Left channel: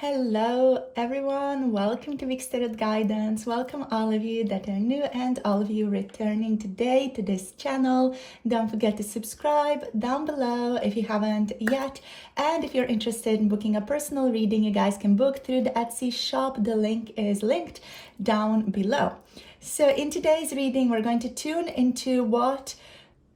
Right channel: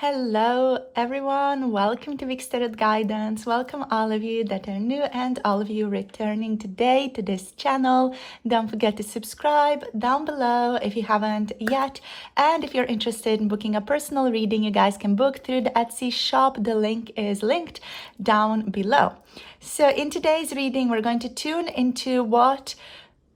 Hello everyone, welcome to Big Started Guidance. Welcome all of you that are new and all of you returning today to this channel. Don't forget to subscribe down below if you haven't yet. And if you're interested in booking a personal reading, you guys can book through the Etsy shop. The link is linked down below. So in today's reading, we're going to tune into what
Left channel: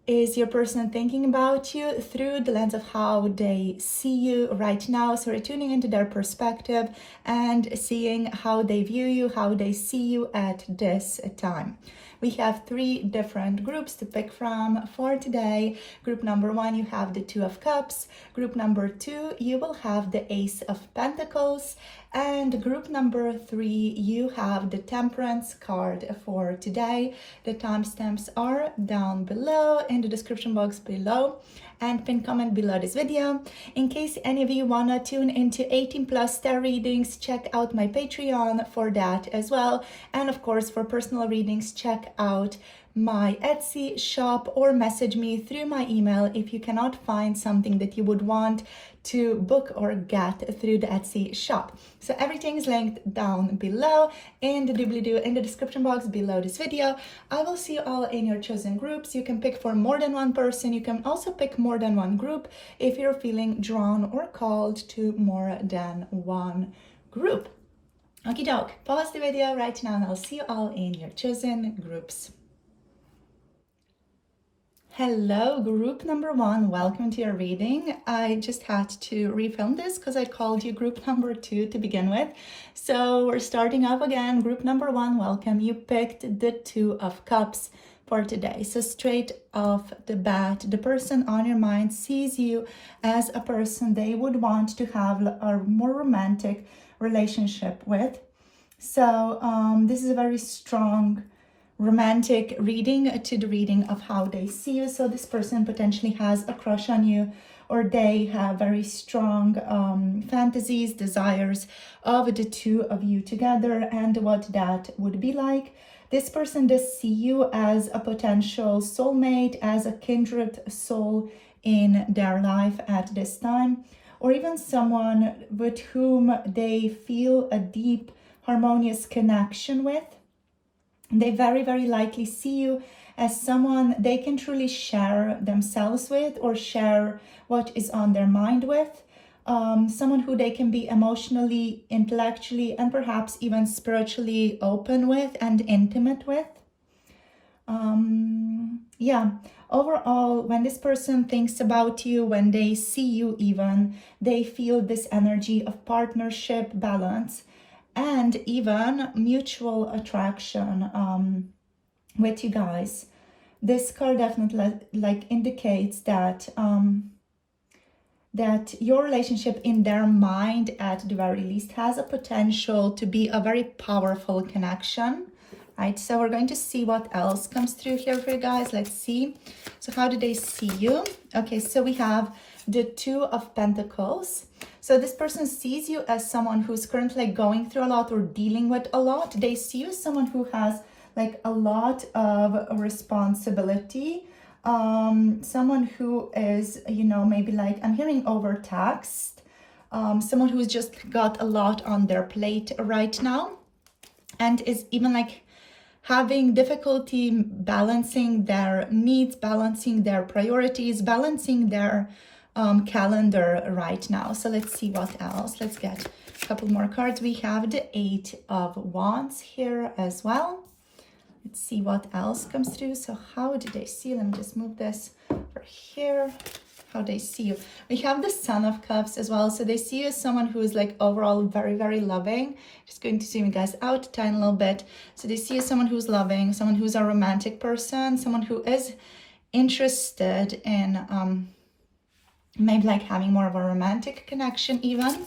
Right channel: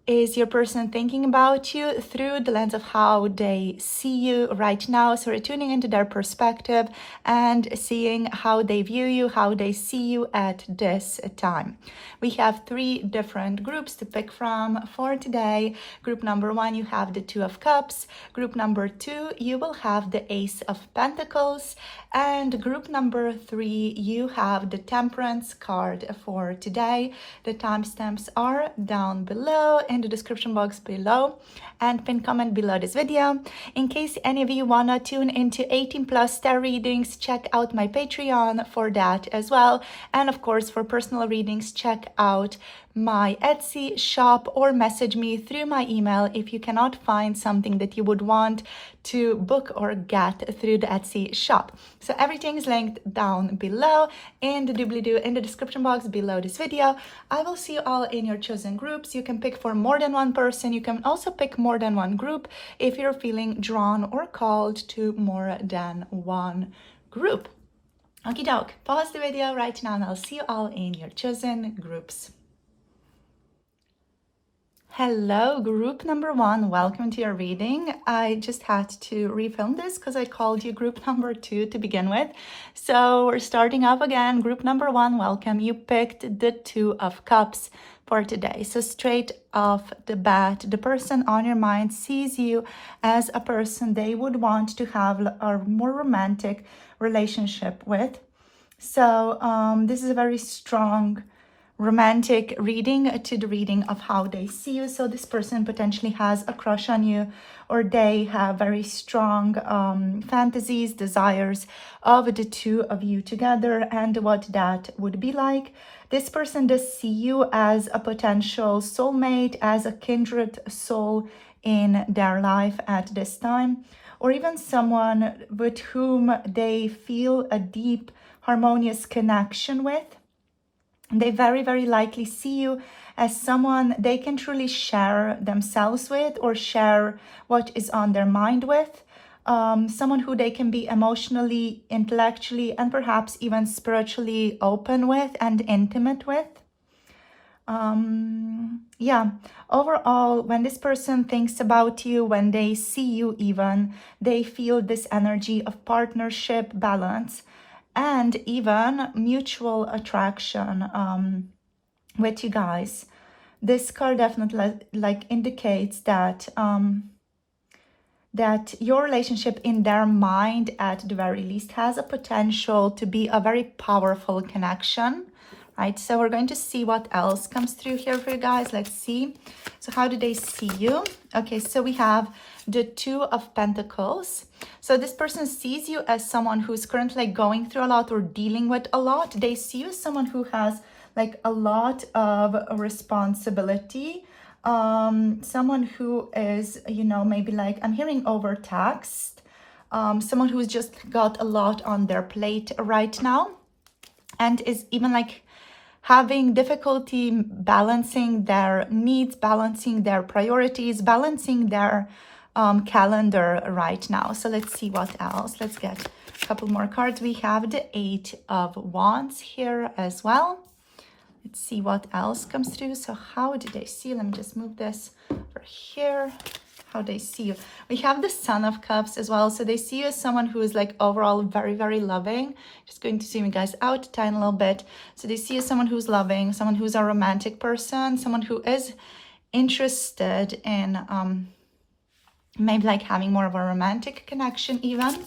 is your person thinking about you through the lens of how they see you right now. So we're tuning into their perspective and seeing how they view you, how they see you at this time. We have three different groups to pick from for today. Group number one, you have the Two of Cups. Group number two, you will have the Ace of Pentacles. And group number three, you have the Temperance card for today. The timestamps are down below in the description box below and pin comment below this video. In case any of you wanna tune into 18+ tarot readings, check out my Patreon for that as well. And of course, for personal readings, check out my Etsy shop or message me through my email if you cannot find something that you would want to book or get through the Etsy shop. So everything is linked down below in the doobly-doo in the description box below this video. I will see you all in your chosen groups. You can pick for more than one person. You can also pick more than one group if you're feeling drawn or called to more than one group. Okie doke, pause the video right now and I'll see you all in your chosen groups. Hello, group number one, welcome to your reading. I just had to refilm this because I called you group number two to begin with. So we're starting off again. Group number one, welcome. You picked the Two of Cups for today. So straight off the bat, the person on your mind sees you as a person they would want to have a more romantic relationship with. So this is a very strong romantic reading to the reading of how they see you. So this person potentially has a crush on you, or they have very strong fantasies, desires of the two of you together and what that would be like. This person does see you as a potential soulmate, as a kindred soul in their life at this time, or even someone with whom they feel a deep, harmonious connection with. They very, very likely see you as someone they can truly share themselves with or share what is on their mind with. Someone who they can be emotionally, intellectually, and perhaps even spiritually open with and intimate with. Overall, when this person thinks about you, when they see you even, they feel this energy of partnership, balance, and even mutual attraction with you guys. This card definitely indicates that that your relationship in their mind, at the very least, has a potential to be a very powerful connection, right? So we're going to see what else comes through here for you guys. Let's see. So how do they see you? Okay, so we have the Two of Pentacles. So this person sees you as someone who's currently going through a lot or dealing with a lot. They see you as someone who has a lot of responsibility. Someone who is, maybe I'm hearing overtaxed. Someone who's just got a lot on their plate right now and is even having difficulty balancing their needs, balancing their priorities, balancing their calendar right now. So let's see what else. Let's get a couple more cards. We have the Eight of Wands here as well. Let's see what else comes through. So how do they see? Let me just move this over here. How they see you. We have the Sun of Cups as well. So they see you as someone who is overall very, very loving. Just going to zoom you guys out a tiny little bit. So they see you as someone who's loving, someone who's a romantic person, someone who is interested in maybe having more of a romantic connection even.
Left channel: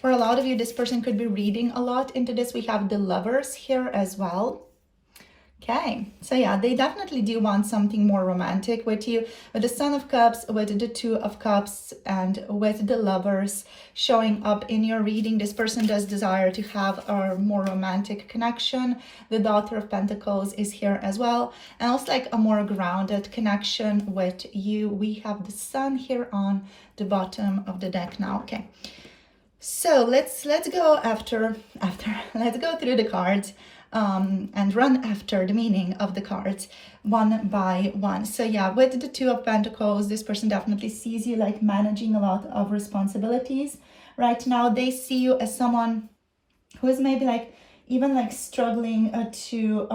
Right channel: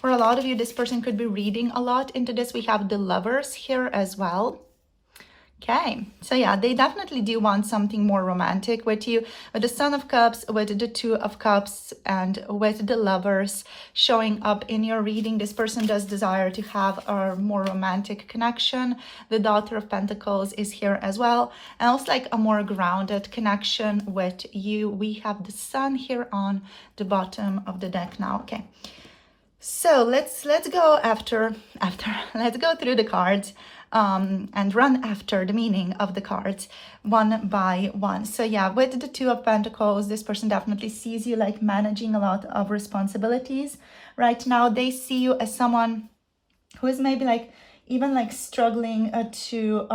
For a lot of you, this person could be reading a lot into this. We have the Lovers here as well. Okay, so yeah, they definitely do want something more romantic with you. With the Sun of Cups, with the Two of Cups, and with the Lovers showing up in your reading, this person does desire to have a more romantic connection. The Daughter of Pentacles is here as well. And also a more grounded connection with you. We have the Sun here on the bottom of the deck now. Okay, So let's go after let's go through the cards and run after the meaning of the cards one by one. So yeah, with the Two of Pentacles, this person definitely sees you like managing a lot of responsibilities right now. They see you as someone who is maybe like even like struggling to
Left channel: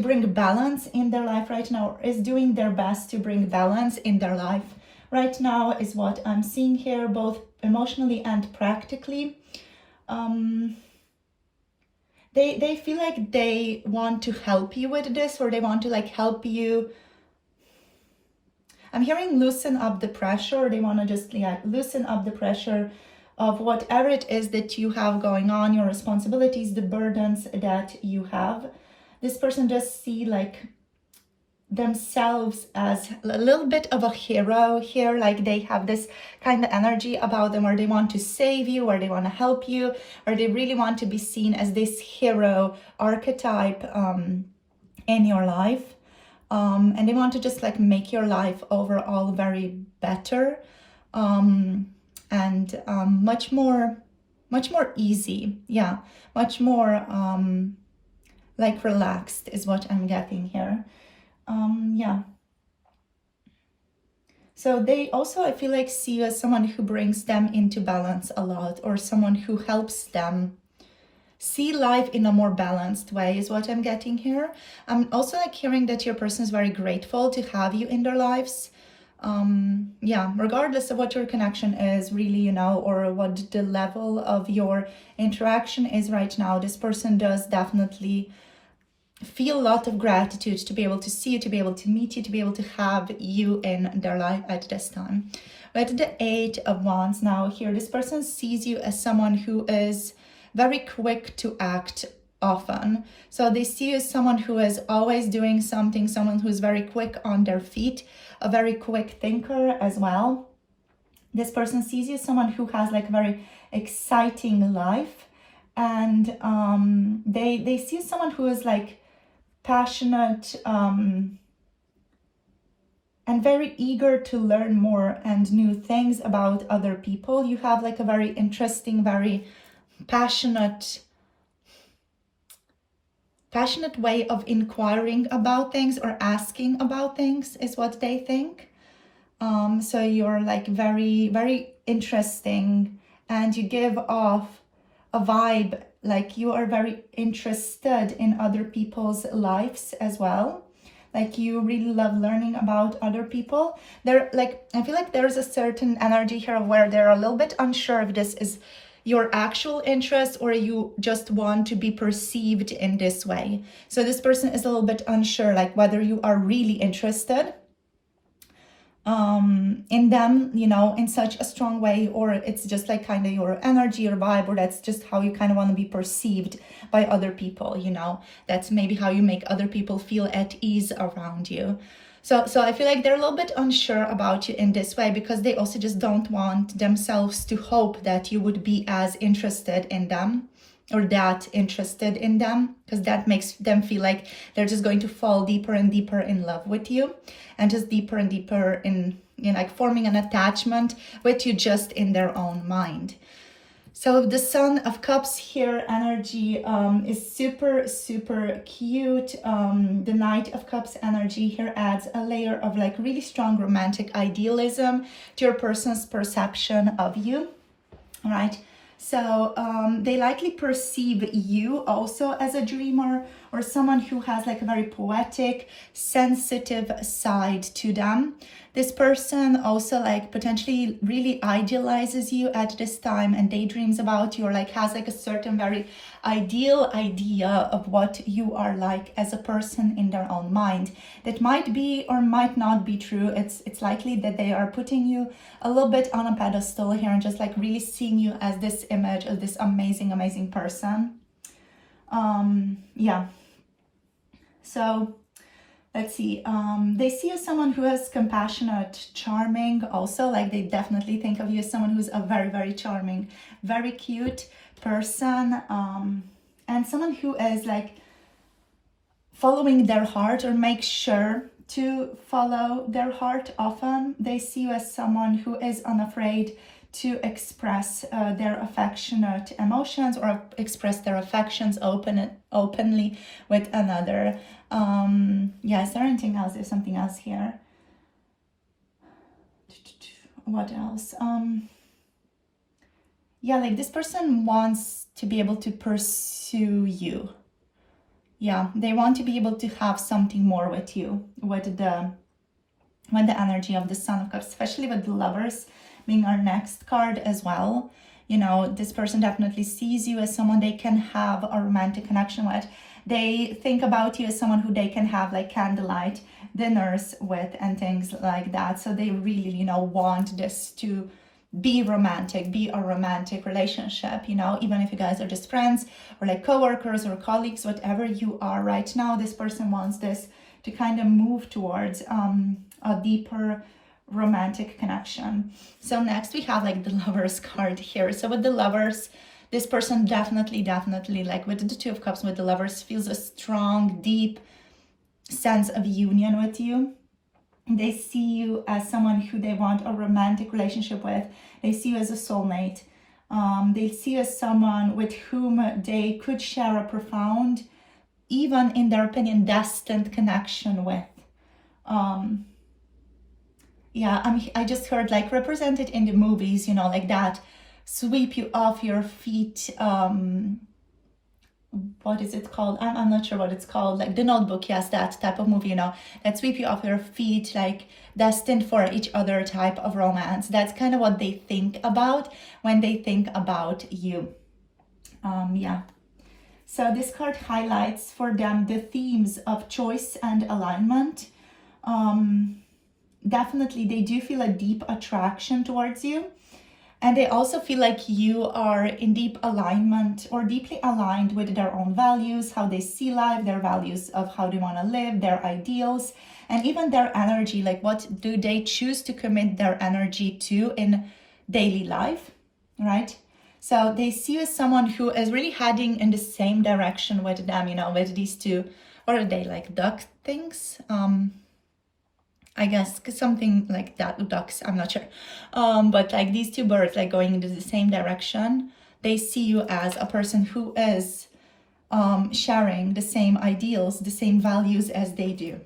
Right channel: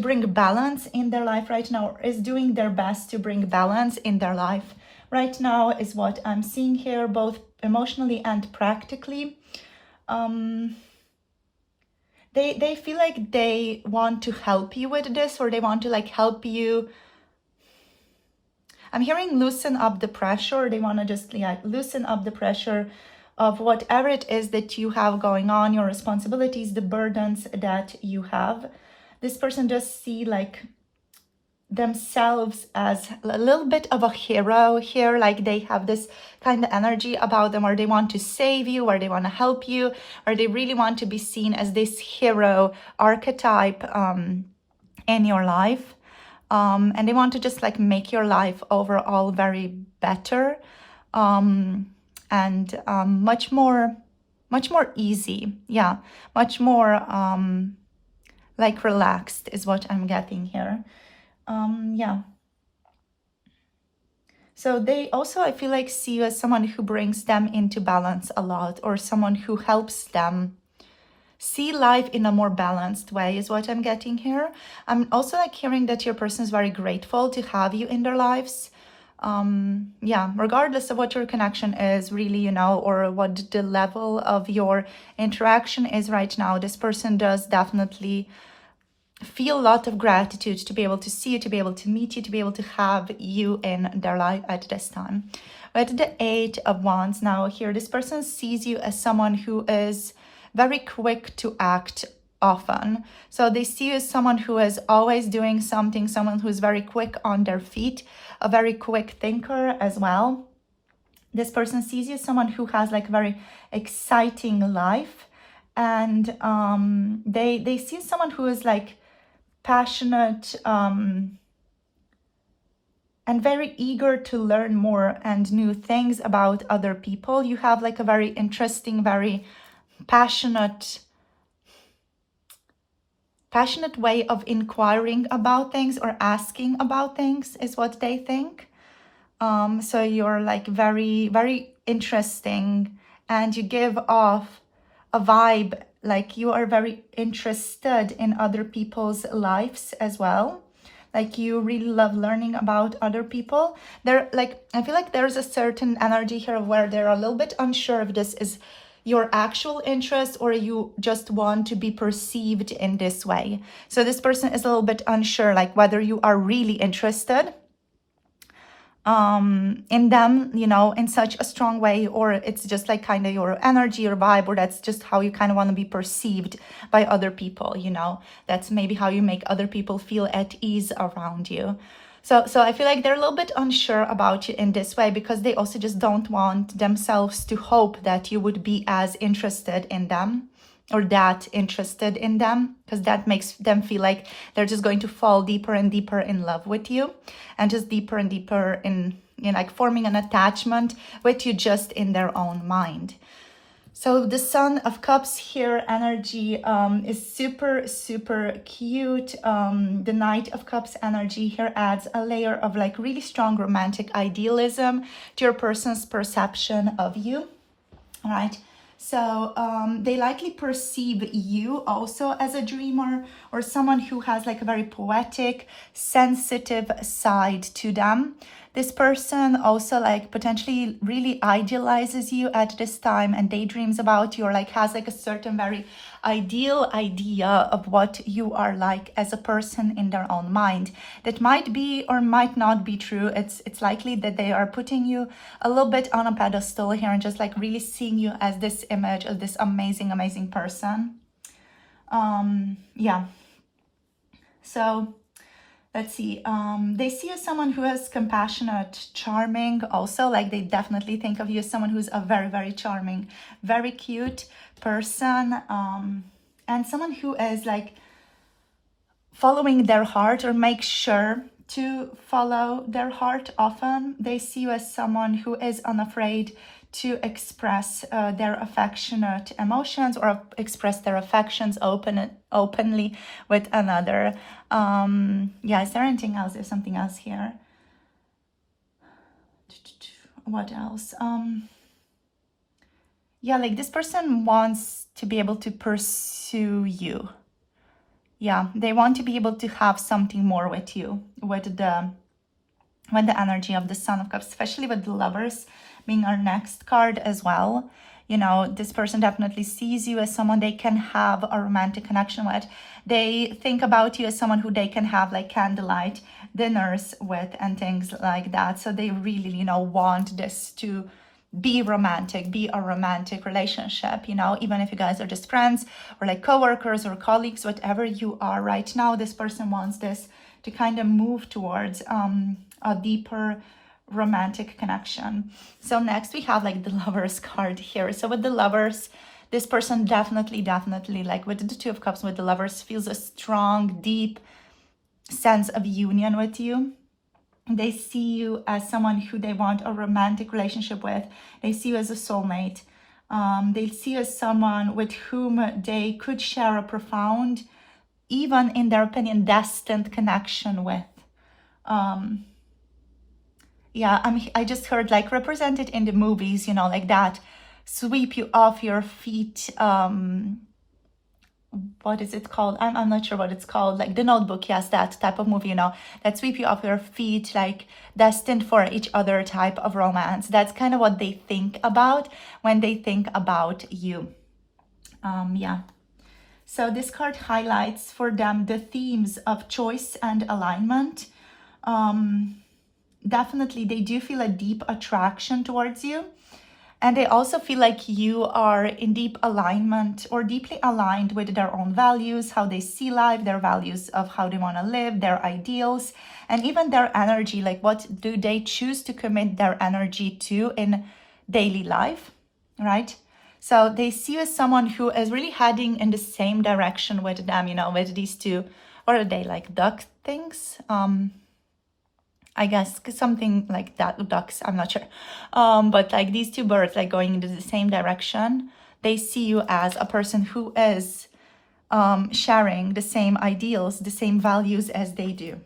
bring balance in their life right now, or is doing their best to bring balance in their life right now, is what I'm seeing here, both emotionally and practically. They feel like they want to help you with this, or they want to like help you. I'm hearing loosen up the pressure. They want to just like loosen up the pressure of whatever it is that you have going on, your responsibilities, the burdens that you have. This person just see like themselves as a little bit of a hero here, like they have this kind of energy about them, or they want to save you, or they want to help you, or they really want to be seen as this hero archetype in your life, and they want to just like make your life overall very better, and much more easy, yeah, much more like relaxed is what I'm getting here. Yeah. So they also, I feel like, see you as someone who brings them into balance a lot, or someone who helps them see life in a more balanced way is what I'm getting here. I'm also like hearing that your person is very grateful to have you in their lives. Yeah, regardless of what your connection is really, you know, or what the level of your interaction is right now, this person does definitely feel a lot of gratitude to be able to see you, to be able to meet you, to be able to have you in their life at this time. With the Eight of Wands now here, this person sees you as someone who is very quick to act often. So they see you as someone who is always doing something, someone who's very quick on their feet, a very quick thinker as well. This person sees you as someone who has like a very exciting life, and they see someone who is like passionate and very eager to learn more and new things about other people. You have like a very interesting, very passionate way of inquiring about things or asking about things is what they think. So you're like very, very interesting, and you give off a vibe like you are very interested in other people's lives as well. Like you really love learning about other people. They're like, I feel like there's a certain energy here where they're a little bit unsure if this is your actual interest or you just want to be perceived in this way. So this person is a little bit unsure, like whether you are really interested in them, you know, in such a strong way, or it's just like kind of your energy, your vibe, or that's just how you kind of want to be perceived by other people, you know, that's maybe how you make other people feel at ease around you. So I feel like they're a little bit unsure about you in this way, because they also just don't want themselves to hope that you would be as interested in them, or that interested in them, because that makes them feel like they're just going to fall deeper and deeper in love with you, and just deeper and deeper in like forming an attachment with you just in their own mind. So the Son of Cups here energy is super, super cute. The Knight of Cups energy here adds a layer of like really strong romantic idealism to your person's perception of you, all right? So they likely perceive you also as a dreamer, or someone who has like a very poetic, sensitive side to them. This person also like potentially really idealizes you at this time and daydreams about you, or like has like a certain very ideal idea of what you are like as a person in their own mind. That might be or might not be true. It's likely that they are putting you a little bit on a pedestal here and just like really seeing you as this image of this amazing, amazing person. Yeah. So let's see, they see you as someone who is compassionate, charming also, like they definitely think of you as someone who's a very, very charming, very cute person, and someone who is like following their heart, or make sure to follow their heart often. They see you as someone who is unafraid to express their affectionate emotions or express their affections openly with another. Yeah, is there anything else? There's something else here. What else? Yeah, like this person wants to be able to pursue you. Yeah, they want to be able to have something more with you, with the energy of the Sun of Cups, especially with the Lovers being our next card as well. You know, this person definitely sees you as someone they can have a romantic connection with. They think about you as someone who they can have like candlelight dinners with and things like that. So they really, you know, want this to be romantic, be a romantic relationship, you know, even if you guys are just friends or like co-workers or colleagues, whatever you are right now, this person wants this to kind of move towards a deeper romantic connection. So next we have like the Lovers card here. So with the Lovers, this person definitely like with the Two of Cups, with the Lovers, feels a strong, deep sense of union with you. They see you as someone who they want a romantic relationship with. They see you as a soulmate. They see you as someone with whom they could share a profound, even in their opinion, destined connection with. Yeah, I just heard like represented in the movies, you know, like that, sweep you off your feet. What is it called? I'm not sure what it's called. Like The Notebook, yes, that type of movie, you know, that sweep you off your feet, like destined for each other type of romance. That's kind of what they think about when they think about you. Yeah. So this card highlights for them the themes of choice and alignment. Definitely, they do feel a deep attraction towards you. And they also feel like you are in deep alignment or deeply aligned with their own values, how they see life, their values of how they want to live, their ideals, and even their energy. Like what do they choose to commit their energy to in daily life, right? So they see you as someone who is really heading in the same direction with them, you know, with these two, or are they like duck things? I guess something like that, ducks, I'm not sure. But like these two birds, like going into the same direction, they see you as a person who is sharing the same ideals, the same values as they do.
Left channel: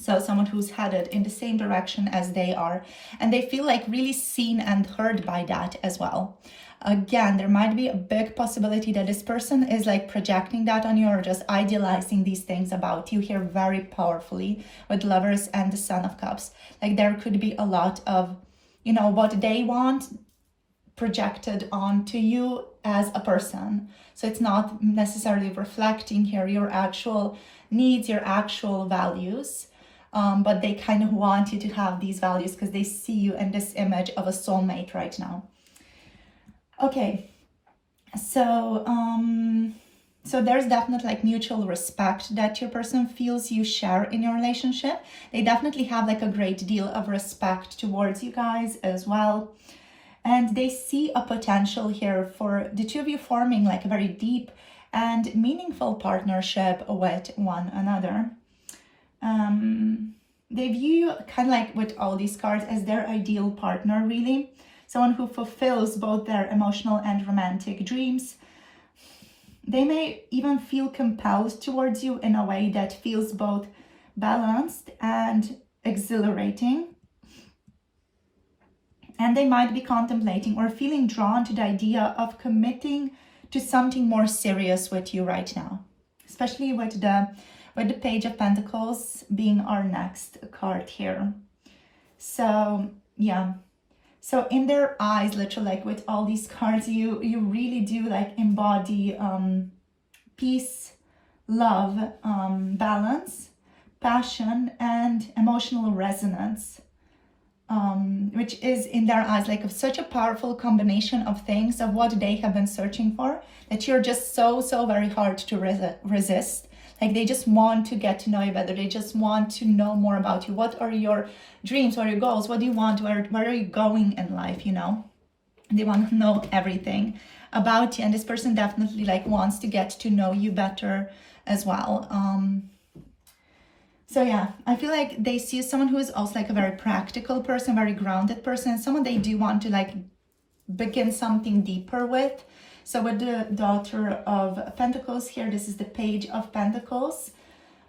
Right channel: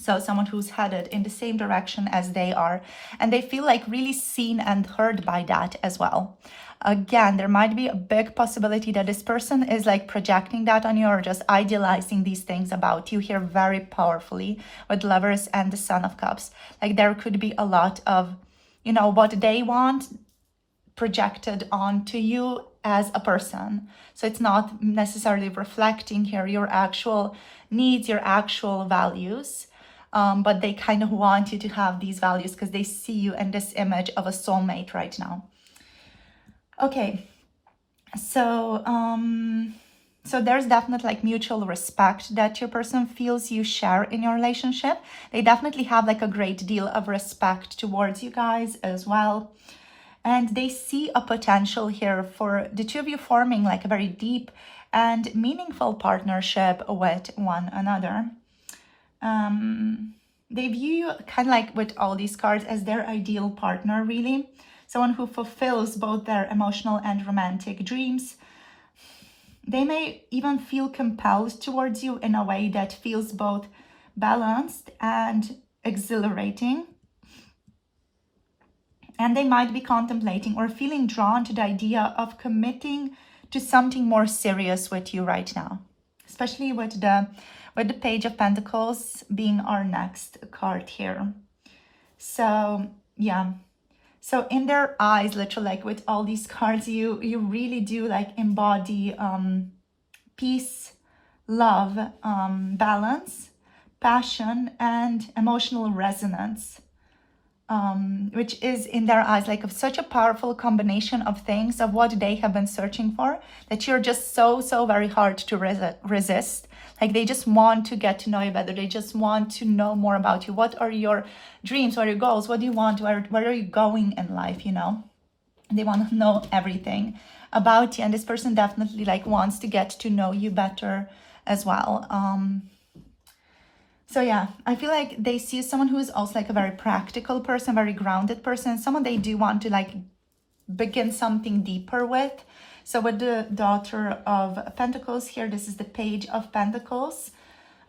So someone who's headed in the same direction as they are. And they feel like really seen and heard by that as well. Again, there might be a big possibility that this person is like projecting that on you or just idealizing these things about you here very powerfully with Lovers and the Sun of Cups. Like there could be a lot of, you know, what they want projected onto you as a person. So it's not necessarily reflecting here your actual needs, your actual values. But they kind of want you to have these values because they see you in this image of a soulmate right now. Okay, so there's definitely like mutual respect that your person feels you share in your relationship. They definitely have like a great deal of respect towards you guys as well. And they see a potential here for the two of you forming like a very deep and meaningful partnership with one another. They view you kind of like with all these cards as their ideal partner, really. Someone who fulfills both their emotional and romantic dreams. They may even feel compelled towards you in a way that feels both balanced and exhilarating. And they might be contemplating or feeling drawn to the idea of committing to something more serious with you right now, especially with the Page of Pentacles being our next card here. So yeah. So in their eyes, literally, like with all these cards, you really do like embody peace, love, balance, passion, and emotional resonance, which is in their eyes like such a powerful combination of things of what they have been searching for that you're just so very hard to resist. Like they just want to get to know you better. They just want to know more about you. What are your dreams? What are your goals? What do you want? Where are you going in life? You know, they want to know everything about you. And this person definitely like wants to get to know you better as well. So yeah, I feel like they see someone who is also like a very practical person, very grounded person, someone they do want to like begin something deeper with. So with the Daughter of Pentacles here, this is the Page of Pentacles.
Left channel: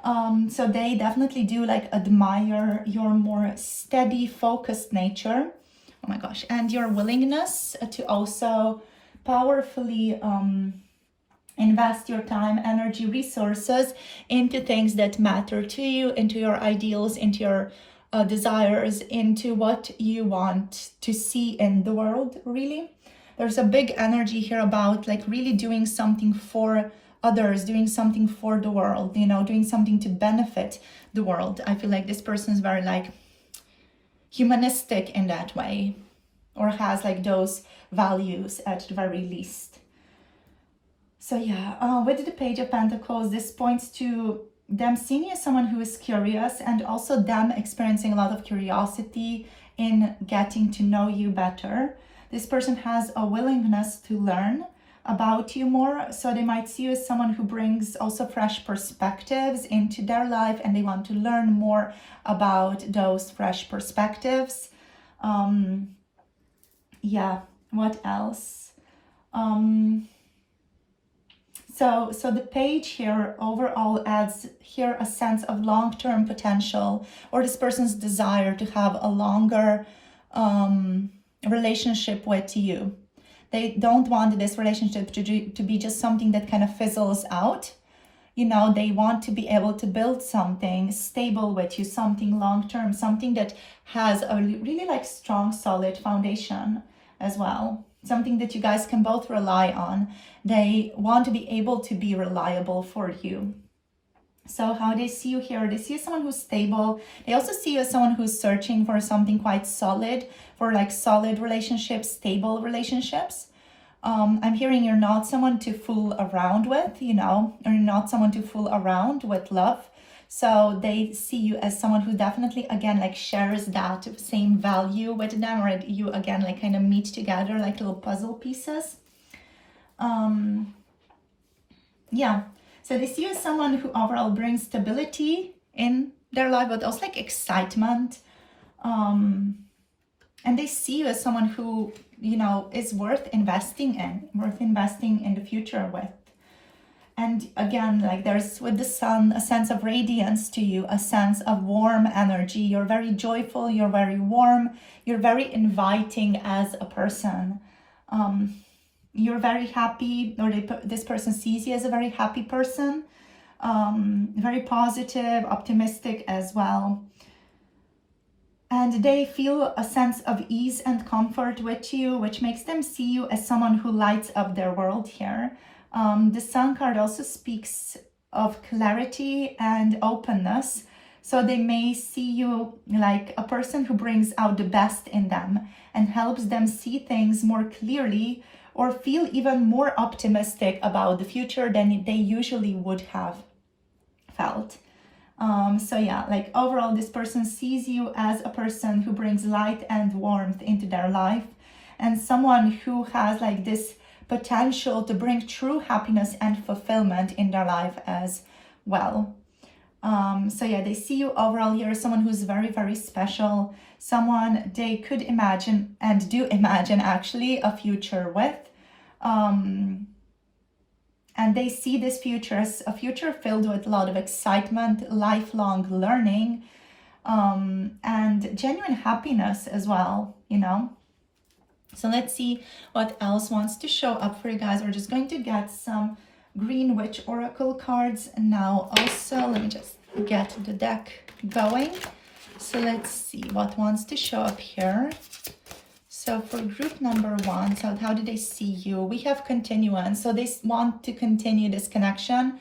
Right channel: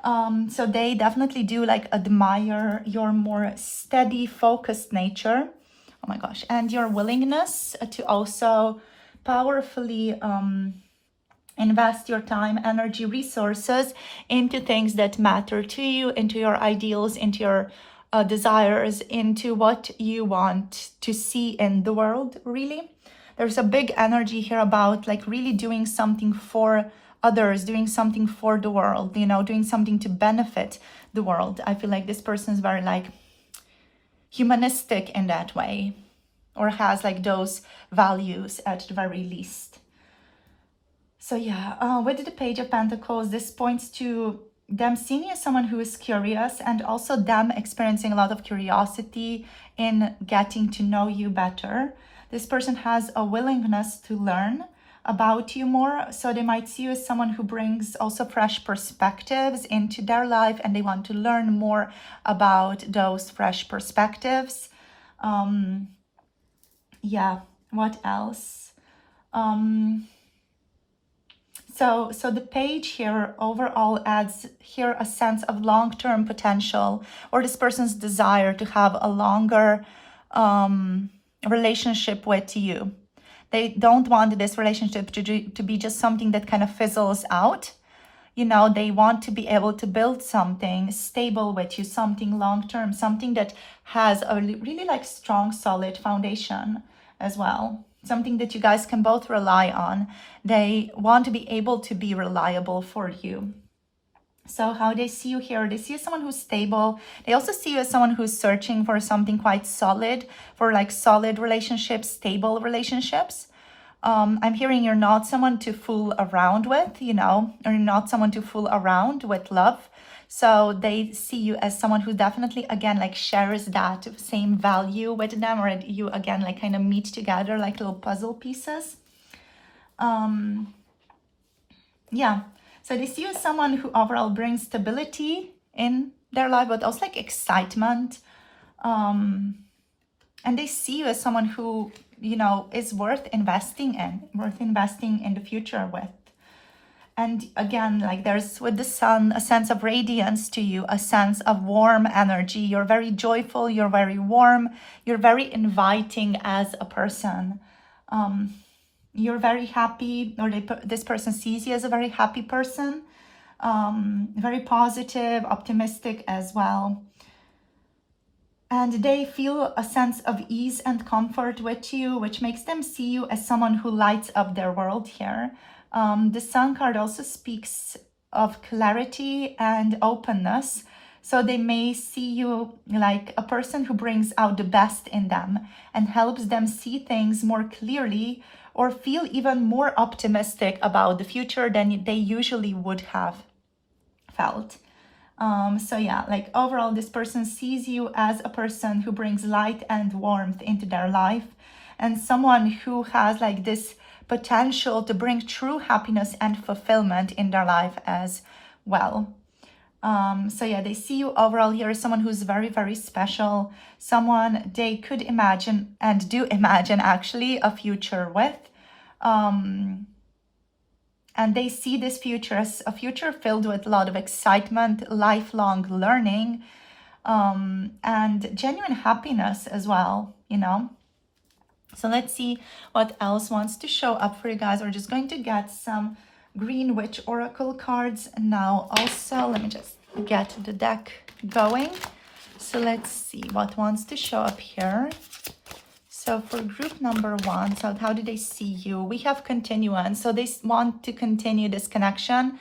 So they definitely do like admire your more steady, focused nature. Oh my gosh. And your willingness to also powerfully invest your time, energy, resources into things that matter to you, into your ideals, into your desires, into what you want to see in the world, really. There's a big energy here about like really doing something for others, doing something for the world, you know, doing something to benefit the world. I feel like this person is very like humanistic in that way, or has like those values at the very least. So yeah, with the Page of Pentacles, this points to them seeing you as someone who is curious, and also them experiencing a lot of curiosity in getting to know you better. This person has a willingness to learn about you more, so they might see you as someone who brings also fresh perspectives into their life, and they want to learn more about those fresh perspectives. Yeah, what else? So the page here overall adds here a sense of long-term potential, or this person's desire to have a longer relationship with you. They don't want this relationship to be just something that kind of fizzles out. You know, they want to be able to build something stable with you, something long-term, something that has a really like strong, solid foundation as well. Something that you guys can both rely on. They want to be able to be reliable for you. So how they see you here, they see you as someone who's stable. They also see you as someone who's searching for something quite solid, for like solid relationships, stable relationships. I'm hearing you're not someone to fool around with, you know, or you're not someone to fool around with love. So they see you as someone who definitely, again, like shares that same value with them, or you, again, like kind of meet together like little puzzle pieces. Yeah, so they see you as someone who overall brings stability in their life, but also like excitement. And they see you as someone who, you know, is worth investing in the future with. And again, like there's with the sun, a sense of radiance to you, a sense of warm energy. You're very joyful, you're very warm, you're very inviting as a person. You're very happy, or this person sees you as a very happy person, very positive, optimistic as well. And they feel a sense of ease and comfort with you, which makes them see you as someone who lights up their world here. The Sun card also speaks of clarity and openness. So they may see you like a person who brings out the best in them and helps them see things more clearly, or feel even more optimistic about the future than they usually would have felt. So yeah, like overall, this person sees you as a person who brings light and warmth into their life, and someone who has like this potential to bring true happiness and fulfillment in their life as well. So yeah, they see you overall here as someone who's very, very special, someone they could imagine and do imagine actually a future with. And they see this future as a future filled with a lot of excitement, lifelong learning, and genuine happiness as well, you know. So let's see what else wants to show up for you guys. We're just going to get some Green Witch Oracle cards now. Also, let me just get the deck going. So let's see what wants to show up here. So for group number one, so how do they see you? We have continuance. So they want to continue this connection.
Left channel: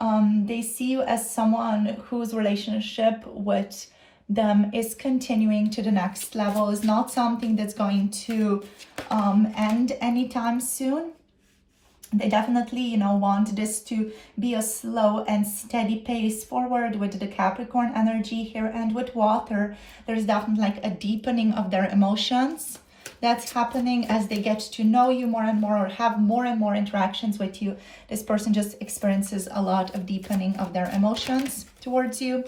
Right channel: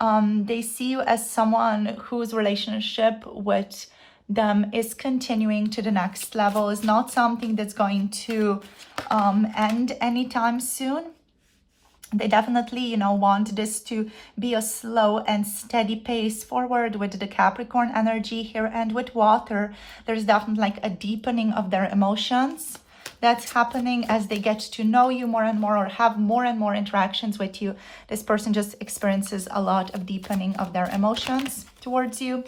They see you as someone whose relationship with them is continuing to the next level, is not something that's going to end anytime soon. They definitely, you know, want this to be a slow and steady pace forward with the Capricorn energy here. And with water, there's definitely like a deepening of their emotions that's happening as they get to know you more and more, or have more and more interactions with you. This person just experiences a lot of deepening of their emotions towards you.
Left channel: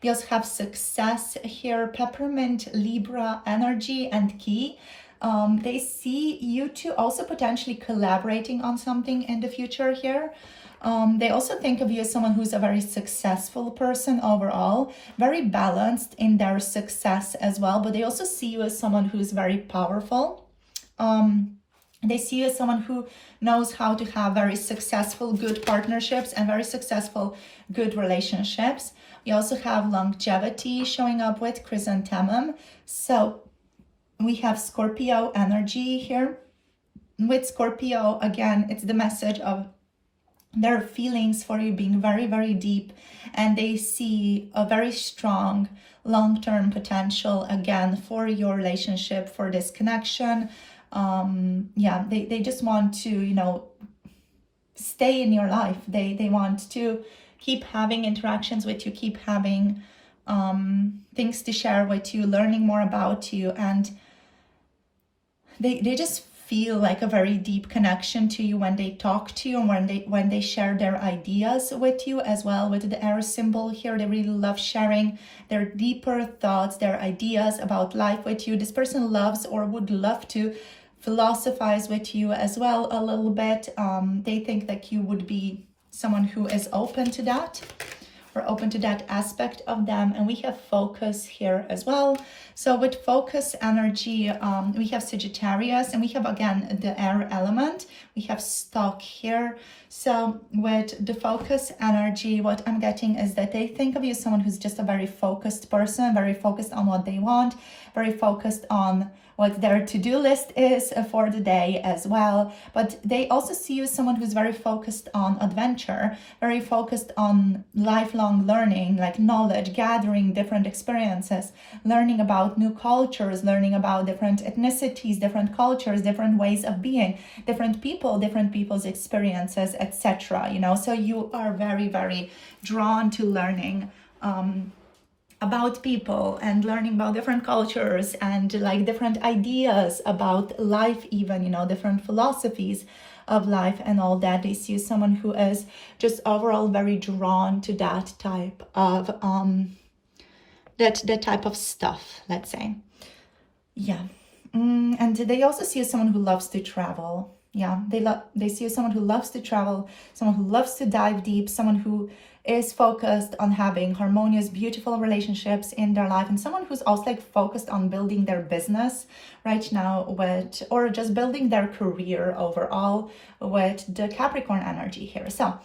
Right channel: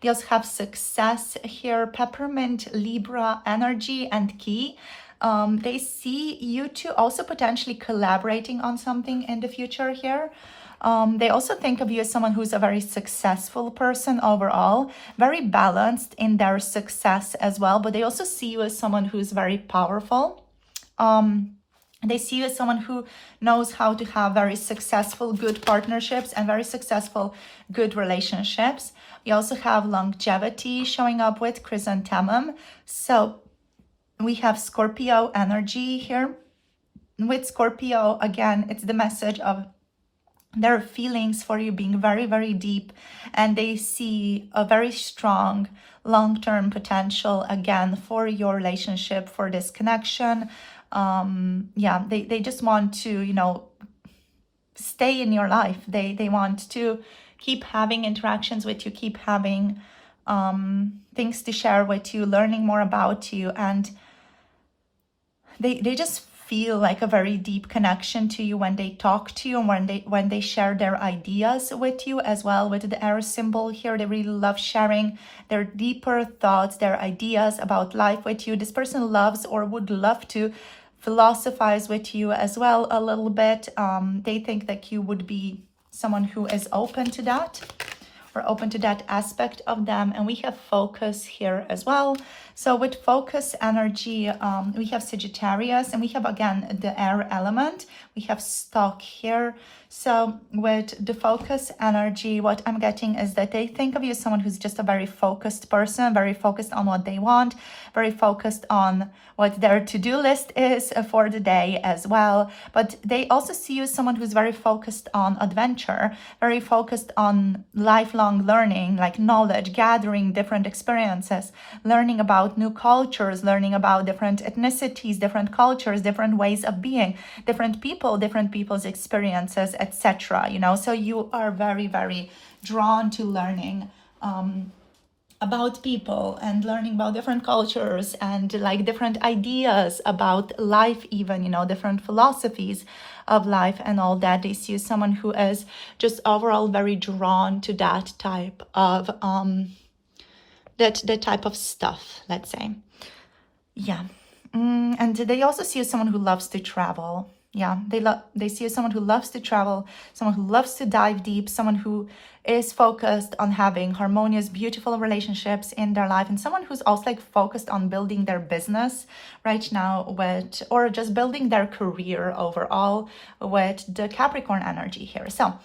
They also have success here, peppermint, Libra energy, and key. They see you two also potentially collaborating on something in the future here. They also think of you as someone who's a very successful person overall, very balanced in their success as well, but they also see you as someone who's very powerful. They see you as someone who knows how to have very successful, good partnerships and very successful, good relationships. We also have longevity showing up with chrysanthemum. So we have Scorpio energy here. With Scorpio, again, it's the message of their feelings for you being very, very deep, and they see a very strong long-term potential again for your relationship, for this connection. Yeah, they just want to, you know, stay in your life. They want to keep having interactions with you, keep having things to share with you, learning more about you, and they just feel like a very deep connection to you when they talk to you, and when they share their ideas with you as well. With the air symbol here, they really love sharing their deeper thoughts, their ideas about life with you. This person loves or would love to philosophize with you as well a little bit. They think that you would be someone who is open to that, or open to that aspect of them. And we have focus here as well. So with focus energy, we have Sagittarius, and we have again the air element. We have stock here. So with the focus energy, what I'm getting is that they think of you as someone who's just a very focused person, very focused on what they want, very focused on what their to-do list is for the day as well. But they also see you as someone who's very focused on adventure, very focused on lifelong learning, like knowledge, gathering different experiences, learning about new cultures, learning about different ethnicities, different cultures, different ways of being, different people, different people's experiences, etc. You know, so you are very, very drawn to learning about people and learning about different cultures and like different ideas about life, even, you know, different philosophies of life and all that. They see someone who is just overall very drawn to that type of that type of stuff, let's say. Yeah. And they also see someone who loves to travel. Yeah, they see someone who loves to travel, someone who loves to dive deep, someone who is focused on having harmonious, beautiful relationships in their life, and someone who's also like focused on building their business right now with, or just building their career overall with the Capricorn energy here. So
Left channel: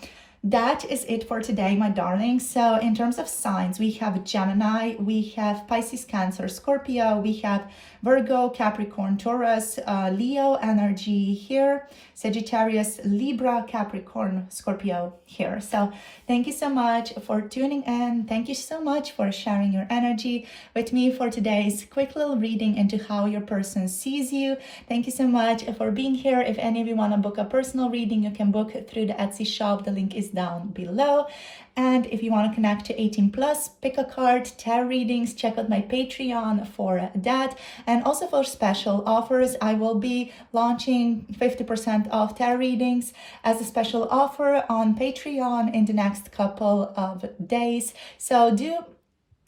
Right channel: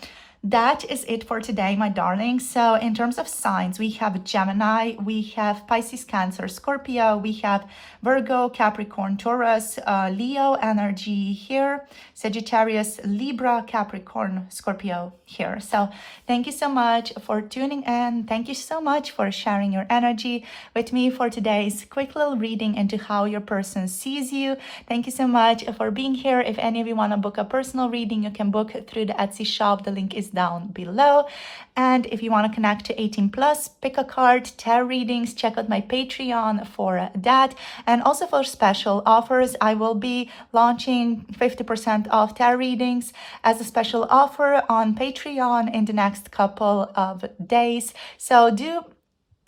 that is it for today, my darlings. So in terms of signs, we have Gemini, we have Pisces, Cancer, Scorpio, we have Virgo, Capricorn, Taurus, Leo energy here, Sagittarius, Libra, Capricorn, Scorpio here. So thank you so much for tuning in. Thank you so much for sharing your energy with me for today's quick little reading into how your person sees you. Thank you so much for being here. If any of you want to book a personal reading, you can book through the Etsy shop. The link is down below. And if you want to connect to 18 plus, pick a card, tarot readings, check out my Patreon for that. And also for special offers, I will be launching 50% off tarot readings as a special offer on Patreon in the next couple of days. So do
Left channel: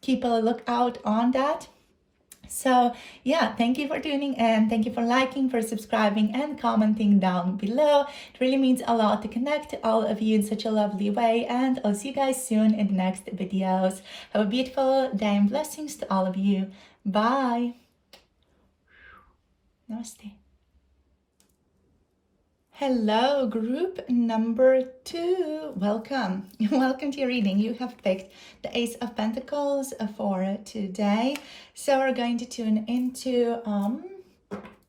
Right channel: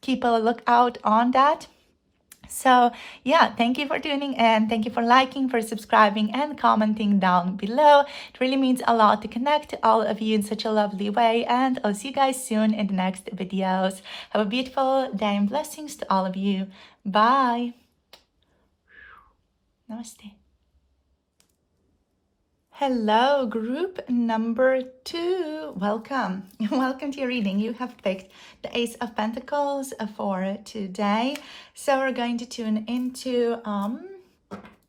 keep a lookout on that. So yeah, thank you for tuning in. Thank you for liking, for subscribing and commenting down below. It really means a lot to connect to all of you in such a lovely way. And I'll see you guys soon in the next videos. Have a beautiful day and blessings to all of you. Bye. Namaste. Hello, group number 2. Welcome. Welcome to your reading. You have picked the Ace of Pentacles for today. So we're going to tune into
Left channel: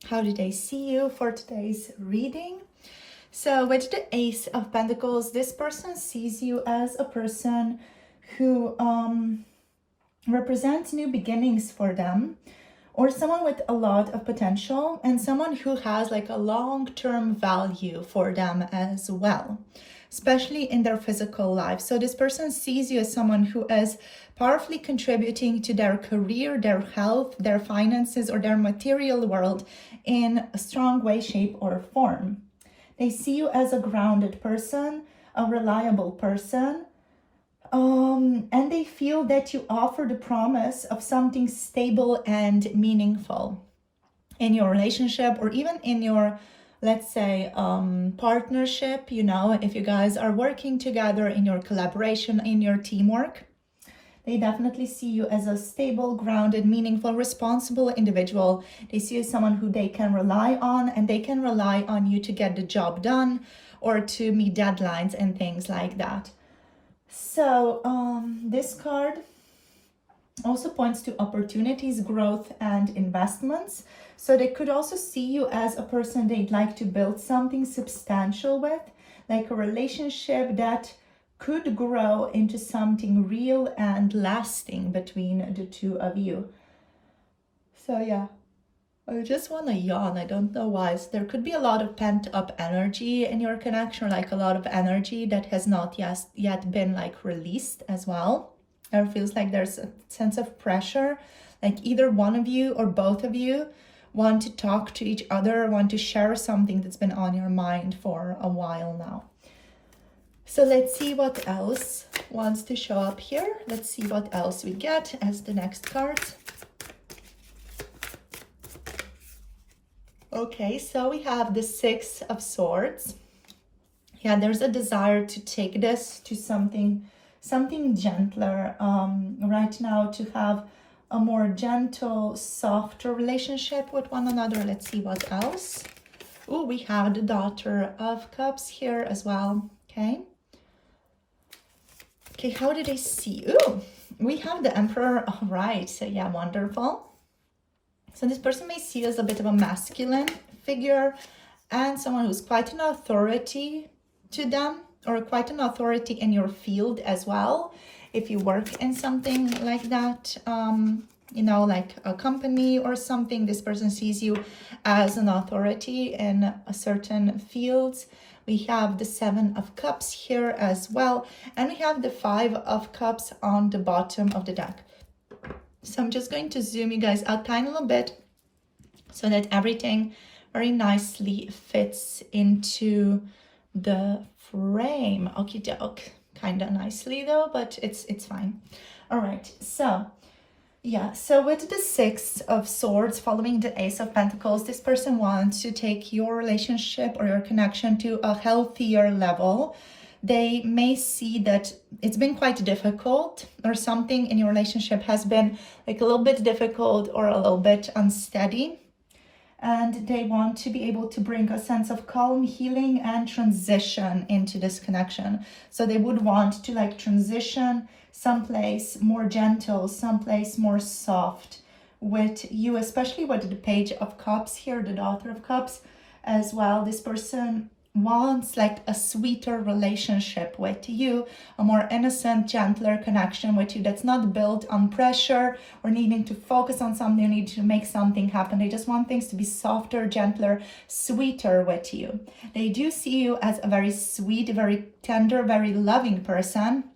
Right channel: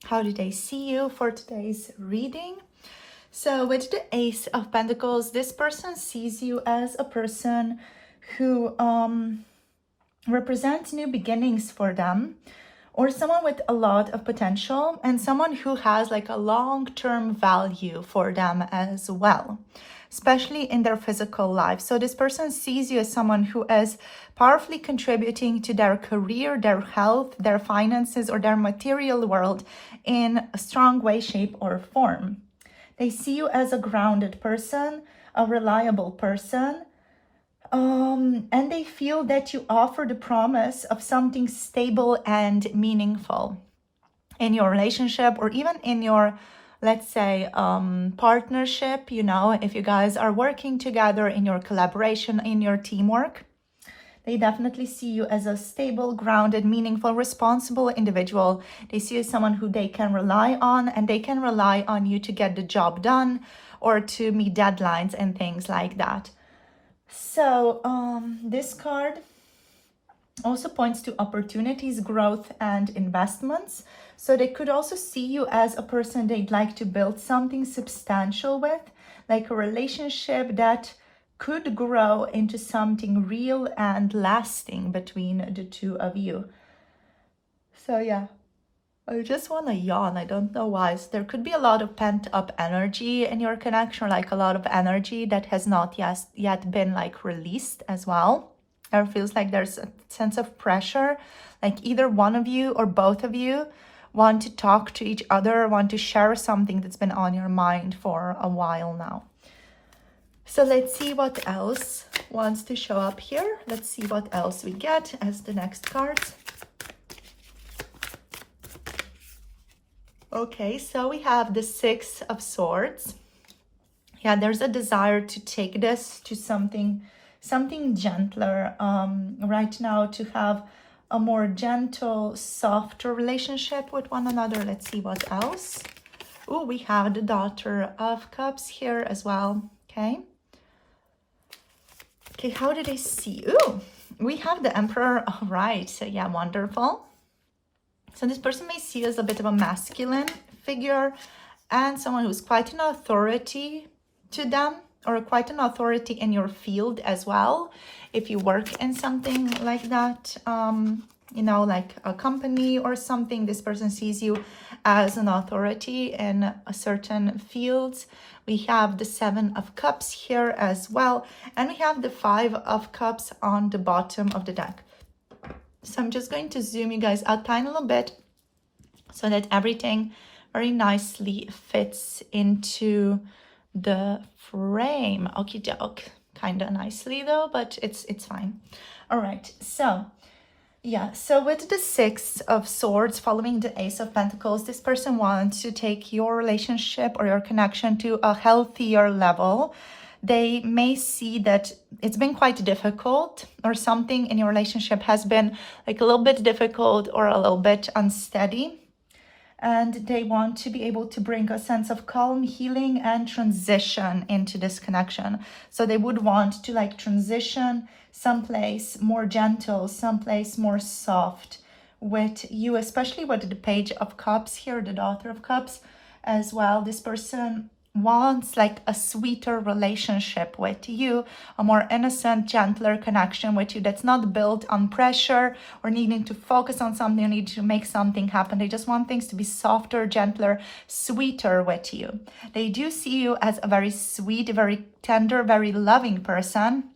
how do they see you for today's reading. So with the Ace of Pentacles, this person sees you as a person who represents new beginnings for them, or someone with a lot of potential, and someone who has like a long-term value for them as well, especially in their physical life. So this person sees you as someone who is powerfully contributing to their career, their health, their finances, or their material world in a strong way, shape, or form. They see you as a grounded person, a reliable person, And they feel that you offer the promise of something stable and meaningful in your relationship, or even in your, let's say, partnership. You know, if you guys are working together, in your collaboration, in your teamwork, they definitely see you as a stable, grounded, meaningful, responsible individual. They see you as someone who they can rely on, and they can rely on you to get the job done or to meet deadlines and things like that. So this card also points to opportunities, growth, and investments. So they could also see you as a person they'd like to build something substantial with, like a relationship that could grow into something real and lasting between the two of you. So yeah, I just want to yawn. I don't know why. So there could be a lot of pent up energy in your connection, like a lot of energy that has not yet been like released as well. Or feels like there's a sense of pressure, like either one of you or both of you want to talk to each other, want to share something that's been on your mind for a while now. So let's see what else wants to show up here. Let's see what else we get as the next card. Okay, so we have the Six of Swords. Yeah, there's a desire to take this to something gentler right now, to have a more gentle, softer relationship with one another. Let's see what else. Oh, we have the Daughter of Cups here as well. Okay, how did I see? Oh, we have the Emperor. All right, so yeah, wonderful. So this person may see you as a bit of a masculine figure and someone who's quite an authority to them, or quite an authority in your field as well. If you work in something like that, you know, like a company or something, this person sees you as an authority in a certain fields. We have the Seven of Cups here as well. And we have the Five of Cups on the bottom of the deck. So I'm just going to zoom you guys out a tiny little bit so that everything very nicely fits into the frame. Okie doke. Kind of nicely though, but it's fine. All right, so yeah, so with the Six of Swords following the Ace of Pentacles, this person wants to take your relationship or your connection to a healthier level. They may see that it's been quite difficult, or something in your relationship has been like a little bit difficult or a little bit unsteady. And they want to be able to bring a sense of calm, healing, and transition into this connection. So they would want to like transition someplace more gentle, someplace more soft with you, especially with the Page of Cups here, the Daughter of Cups as well. This person wants like a sweeter relationship with you, a more innocent, gentler connection with you that's not built on pressure or needing to focus on something or need to make something happen. They just want things to be softer, gentler, sweeter with you. They do see you as a very sweet, very tender, very loving person,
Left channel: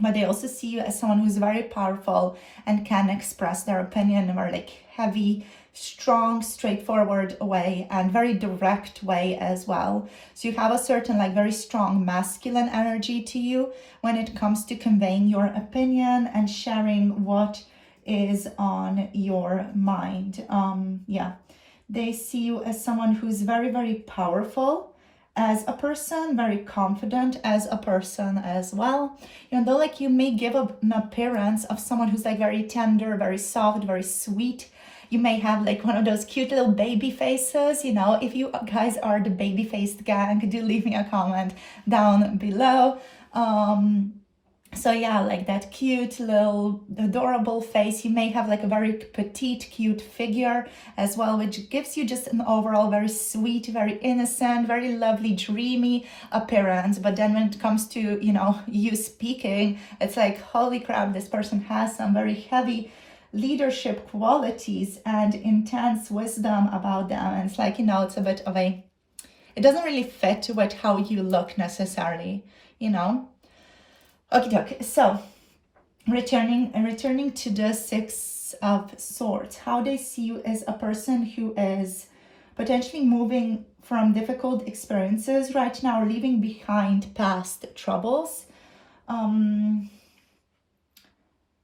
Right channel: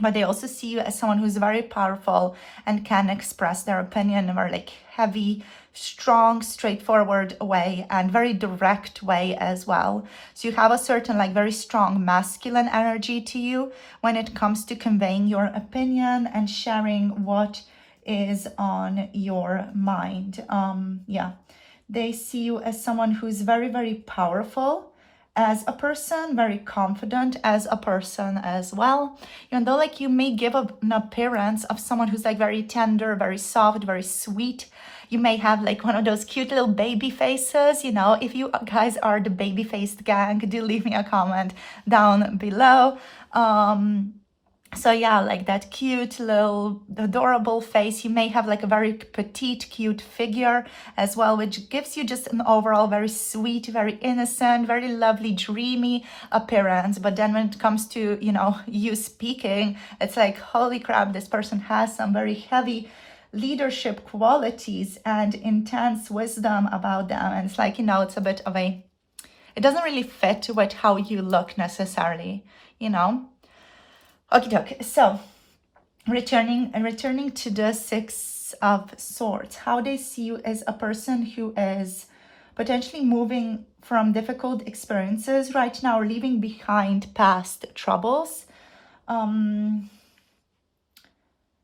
but they also see you as someone who's very powerful and can express their opinion in a very like heavy, strong, straightforward way and very direct way as well. So you have a certain like very strong masculine energy to you when it comes to conveying your opinion and sharing what is on your mind. Yeah, they see you as someone who's very, very powerful as a person, very confident as a person as well. Even though like you may give an appearance of someone who's like very tender, very soft, very sweet. You may have like one of those cute little baby faces, you know. If you guys are the baby faced gang, do leave me a comment down below. So yeah, like that cute little adorable face. You may have like a very petite, cute figure as well, which gives you just an overall very sweet, very innocent, very lovely, dreamy appearance. But then when it comes to, you know, you speaking, it's like, holy crap, this person has some very heavy leadership qualities and intense wisdom about them. And it's like, you know, it's a bit of a, it doesn't really fit with how you look necessarily, you know. Okay, so returning to the Six of Swords, how they see you as a person who is potentially moving from difficult experiences right now, or leaving behind past troubles.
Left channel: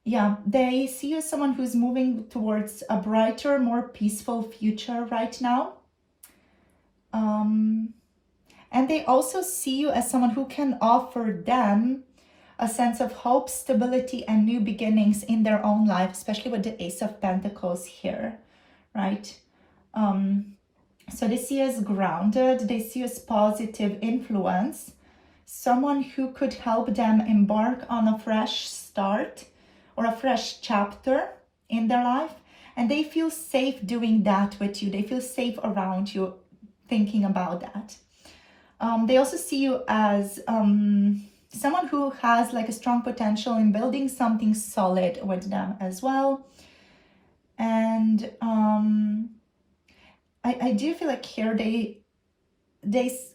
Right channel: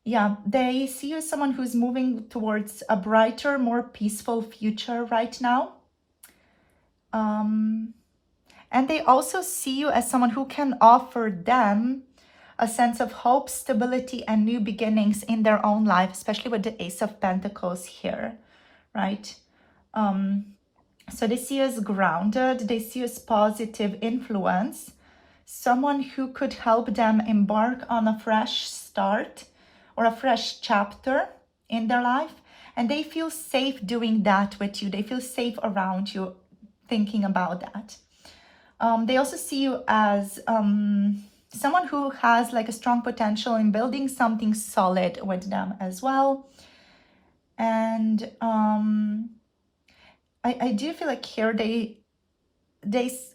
Yeah, they see you as someone who's moving towards a brighter, more peaceful future right now. And they also see you as someone who can offer them a sense of hope, stability, and new beginnings in their own life, especially with the Ace of Pentacles here, right? So they see you as grounded, they see you as positive influence, someone who could help them embark on a fresh start or a fresh chapter in their life. And they feel safe doing that with you. They feel safe around you, thinking about that. They also see you as someone who has like a strong potential in building something solid with them as well. And I do feel like here they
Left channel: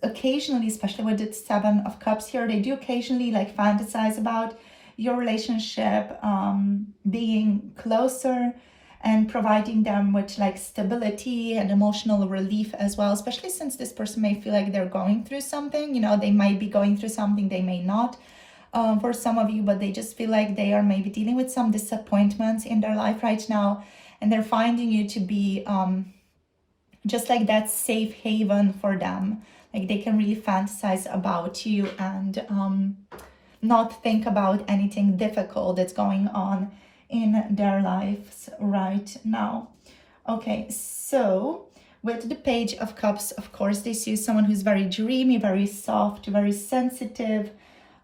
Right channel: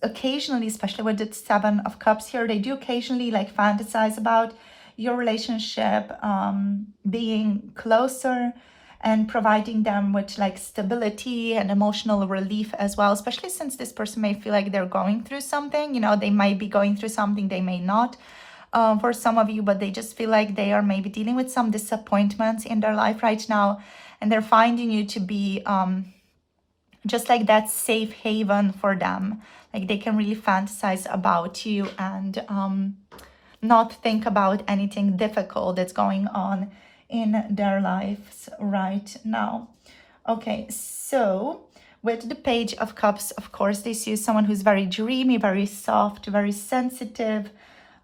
occasionally, especially with the Seven of Cups here, they do occasionally like fantasize about your relationship being closer and providing them with like stability and emotional relief as well, especially since this person may feel like they're going through something. You know, they might be going through something, they may not for some of you, but they just feel like they are maybe dealing with some disappointments in their life right now, and they're finding you to be just like that safe haven for them. Like they can really fantasize about you and not think about anything difficult that's going on in their lives right now. Okay, so with the Page of Cups, of course, they see someone who's very dreamy, very soft, very sensitive.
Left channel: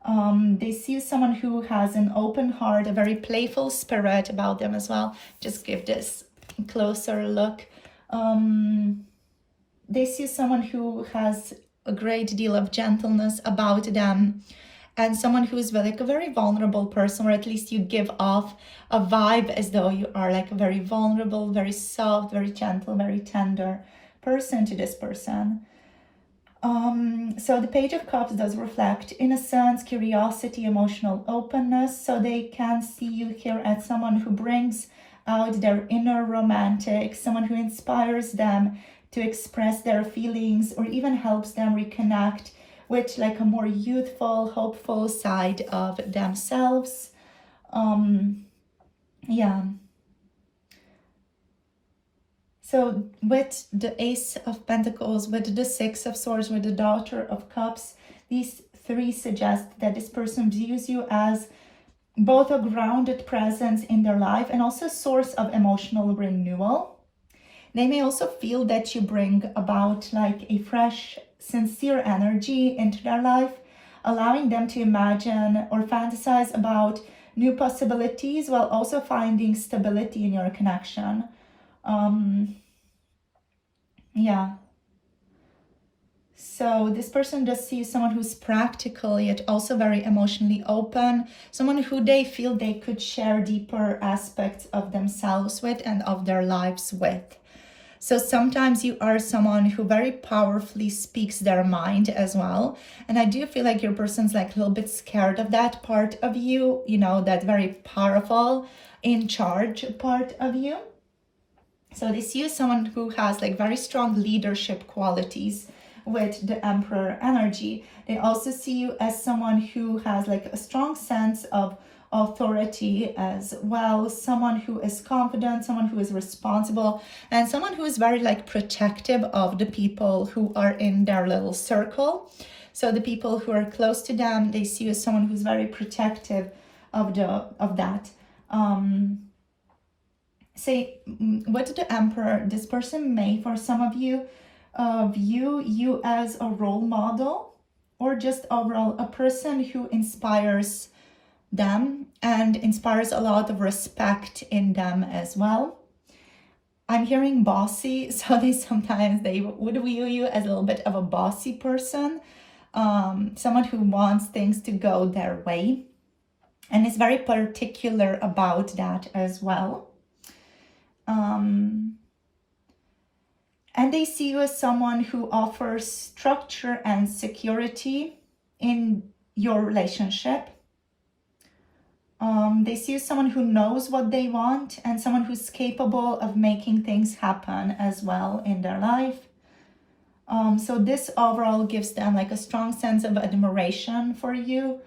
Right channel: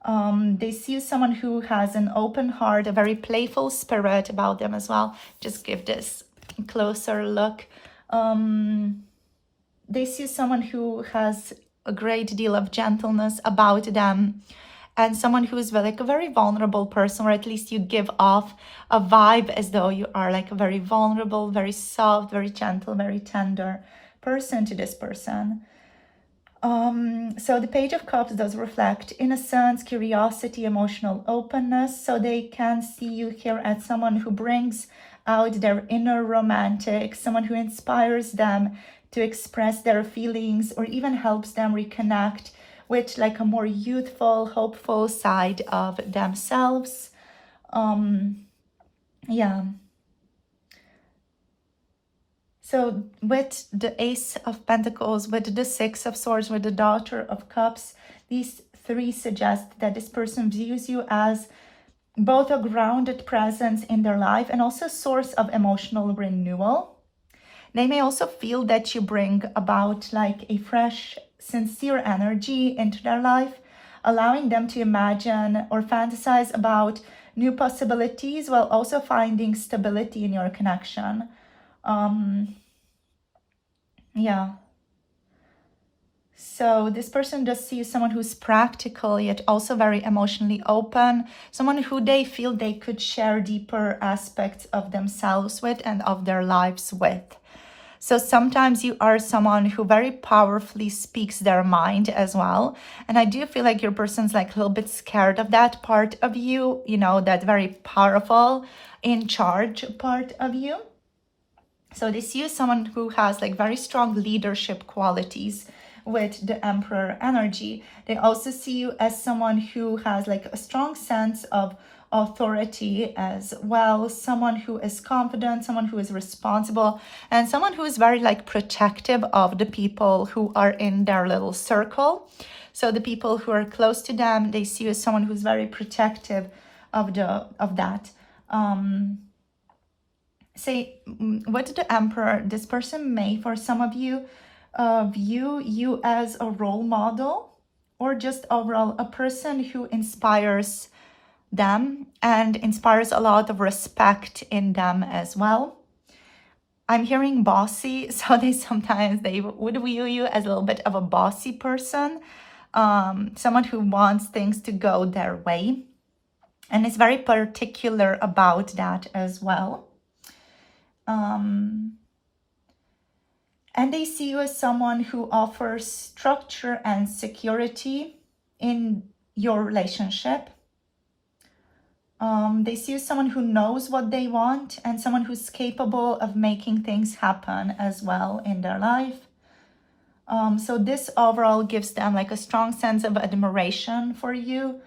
They see someone who has an open heart, a very playful spirit about them as well. Just give this a closer look. They see someone who has a great deal of gentleness about them, and someone who is like a very vulnerable person, or at least you give off a vibe as though you are like a very vulnerable, very soft, very gentle, very tender person to this person. So the Page of Cups does reflect innocence, curiosity, emotional openness. So they can see you here as someone who brings out their inner romantic, someone who inspires them to express their feelings, or even helps them reconnect with like a more youthful, hopeful side of themselves. Yeah. So with the Ace of Pentacles, with the Six of Swords, with the Daughter of Cups, these three suggest that this person views you as both a grounded presence in their life and also a source of emotional renewal. They may also feel that you bring about like a fresh, sincere energy into their life, allowing them to imagine or fantasize about new possibilities while also finding stability in your connection. Yeah. So this person just sees someone who's practical yet also very emotionally open, someone who they feel they could share deeper aspects of themselves with and of their lives with. So sometimes you are someone who very powerfully speaks their mind as well. And I do feel like your person's like a little bit scared of that part of you, you know, that very powerful, in charge part of you. So they see you as someone who has like very strong leadership qualities with the Emperor energy. They also see you as someone who has like a strong sense of authority as well, someone who is confident, someone who is responsible, and someone who is very like protective of the people who are in their little circle. So the people who are close to them, they see you as someone who's very protective of that. Say with the Emperor, this person may, for some of you, view you as a role model, or just overall a person who inspires them and inspires a lot of respect in them as well. I'm hearing bossy, so they would view you as a little bit of a bossy person, someone who wants things to go their way and is very particular about that as well. And they see you as someone who offers structure and security in your relationship. They see you as someone who knows what they want and someone who's capable of making things happen as well in their life. So this overall gives them like a strong sense of admiration for you.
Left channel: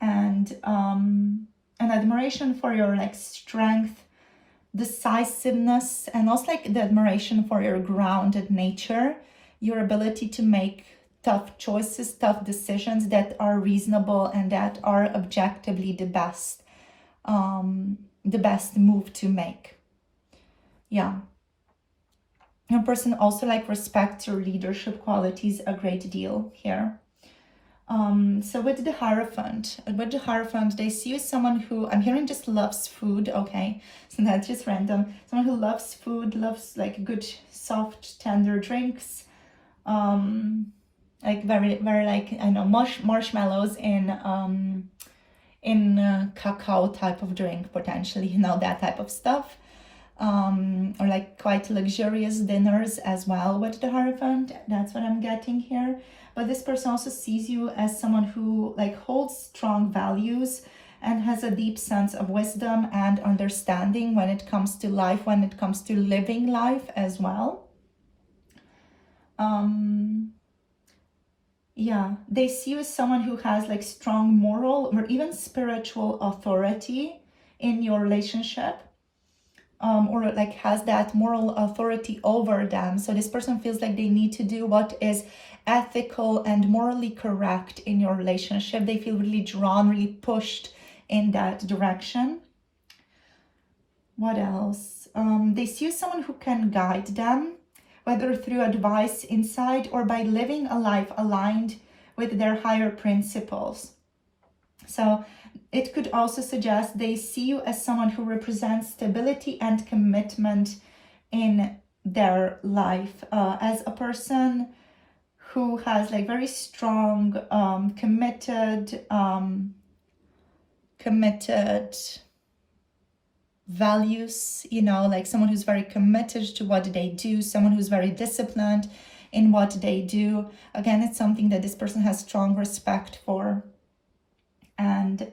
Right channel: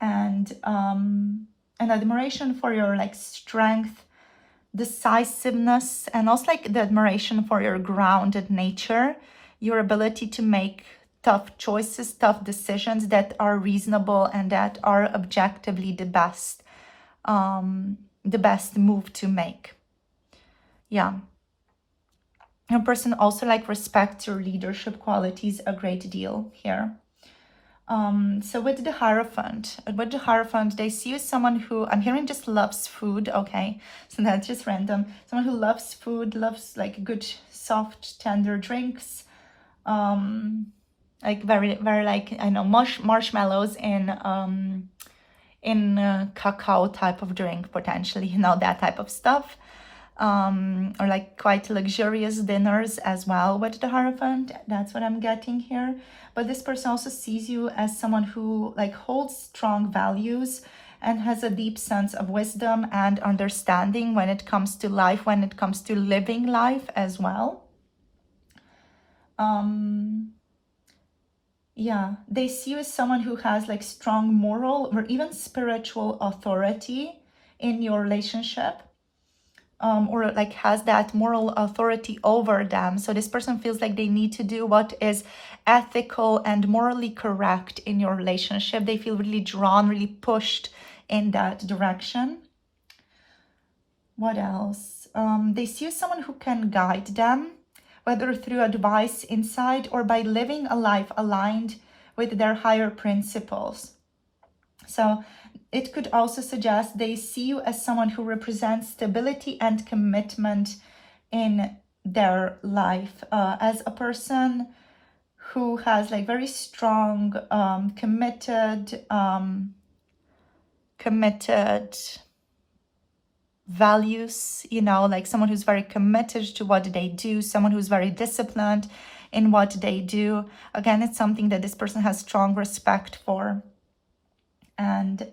and an admiration for your like strength, decisiveness, and also like the admiration for your grounded nature, your ability to make tough choices, tough decisions that are reasonable and that are objectively the best move to make. Yeah. Your person also like respects your leadership qualities a great deal here. So with the Hierophant, they see you as someone who, I'm hearing just loves food, okay? So that's just random. Someone who loves food, loves like good, soft, tender drinks. Like very, very like, I know, marshmallows in cacao type of drink, potentially, you know, that type of stuff. Or like quite luxurious dinners as well with the Hierophant. That's what I'm getting here. But this person also sees you as someone who like holds strong values and has a deep sense of wisdom and understanding when it comes to life, when it comes to living life as well. Yeah, they see you as someone who has like strong moral or even spiritual authority in your relationship. Or like has that moral authority over them. So this person feels like they need to do what is ethical and morally correct in your relationship. They feel really drawn, really pushed in that direction. What else? They see you as someone who can guide them, whether through advice, insight, or by living a life aligned with their higher principles. So it could also suggest they see you as someone who represents stability and commitment in their life, as a person who has like very strong, committed values, you know, like someone who's very committed to what they do, someone who's very disciplined in what they do. Again, it's something that this person has strong respect for. And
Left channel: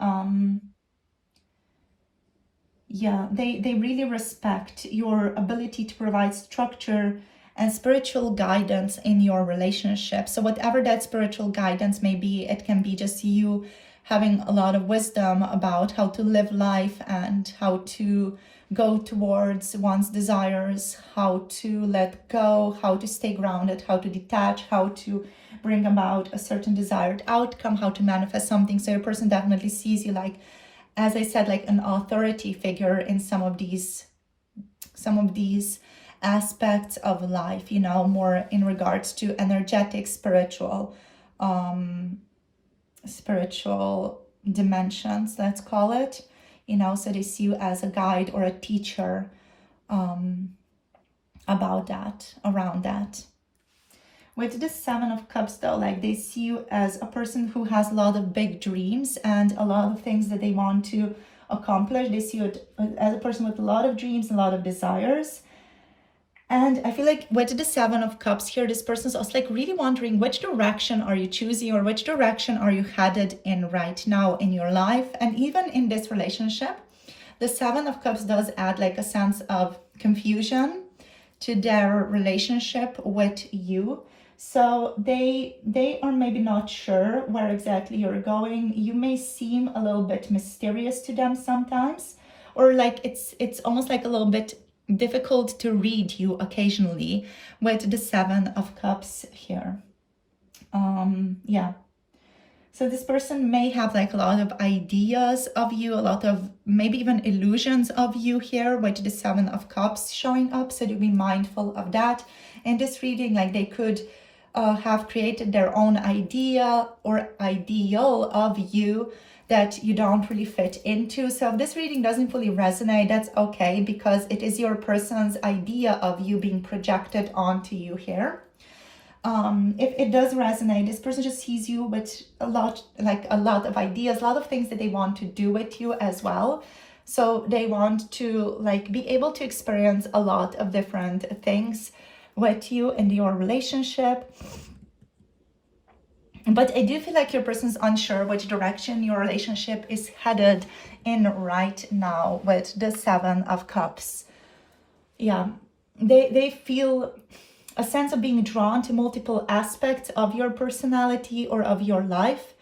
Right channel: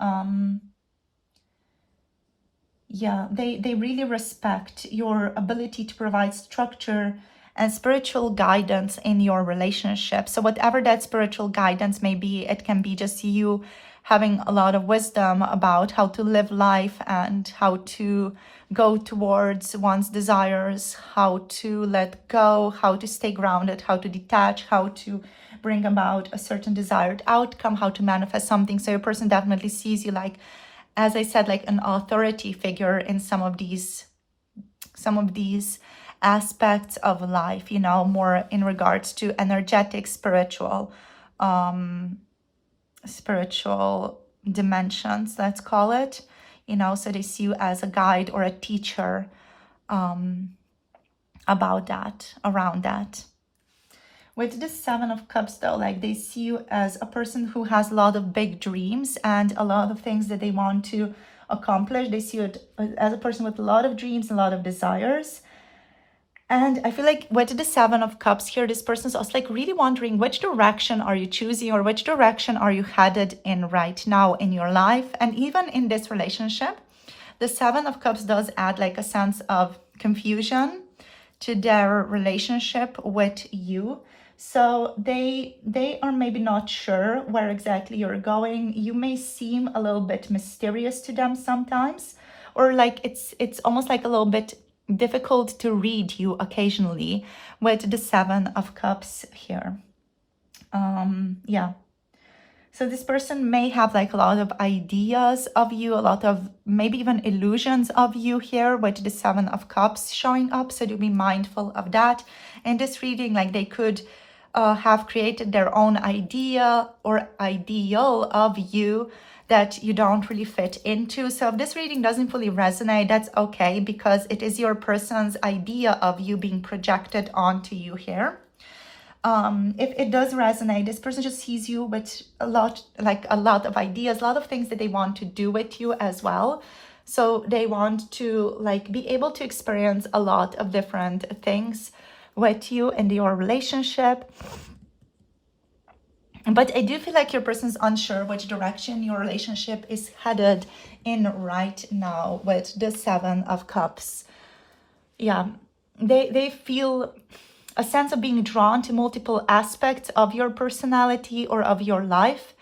yeah, they really respect your ability to provide structure and spiritual guidance in your relationship. So whatever that spiritual guidance may be, it can be just you having a lot of wisdom about how to live life and how to go towards one's desires, how to let go, how to stay grounded, how to detach, how to bring about a certain desired outcome, how to manifest something. So your person definitely sees you like, as I said, like an authority figure in some of these aspects of life, you know, more in regards to energetic, spiritual dimensions, let's call it, you know. So they see you as a guide or a teacher about that, around that. With the Seven of Cups though, like they see you as a person who has a lot of big dreams and a lot of things that they want to accomplish. They see you as a person with a lot of dreams, a lot of desires. And I feel like with the Seven of Cups here, this person's also like really wondering which direction are you choosing or which direction are you headed in right now in your life. And even in this relationship, the Seven of Cups does add like a sense of confusion to their relationship with you. So they are maybe not sure where exactly you're going. You may seem a little bit mysterious to them sometimes, or like it's almost like a little bit difficult to read you occasionally with the Seven of Cups here. Yeah. So this person may have like a lot of ideas of you, a lot of maybe even illusions of you here with the Seven of Cups showing up. So to be mindful of that. In this reading, like they could have created their own idea or ideal of you that you don't really fit into. So if this reading doesn't fully resonate, that's okay, because it is your person's idea of you being projected onto you here. If it does resonate, this person just sees you with a lot of ideas, a lot of things that they want to do with you as well. So they want to like be able to experience a lot of different things with you in your relationship. But I do feel like your person's unsure which direction your relationship is headed in right now with the Seven of Cups. Yeah, they feel a sense of being drawn to multiple aspects of your personality or of your life.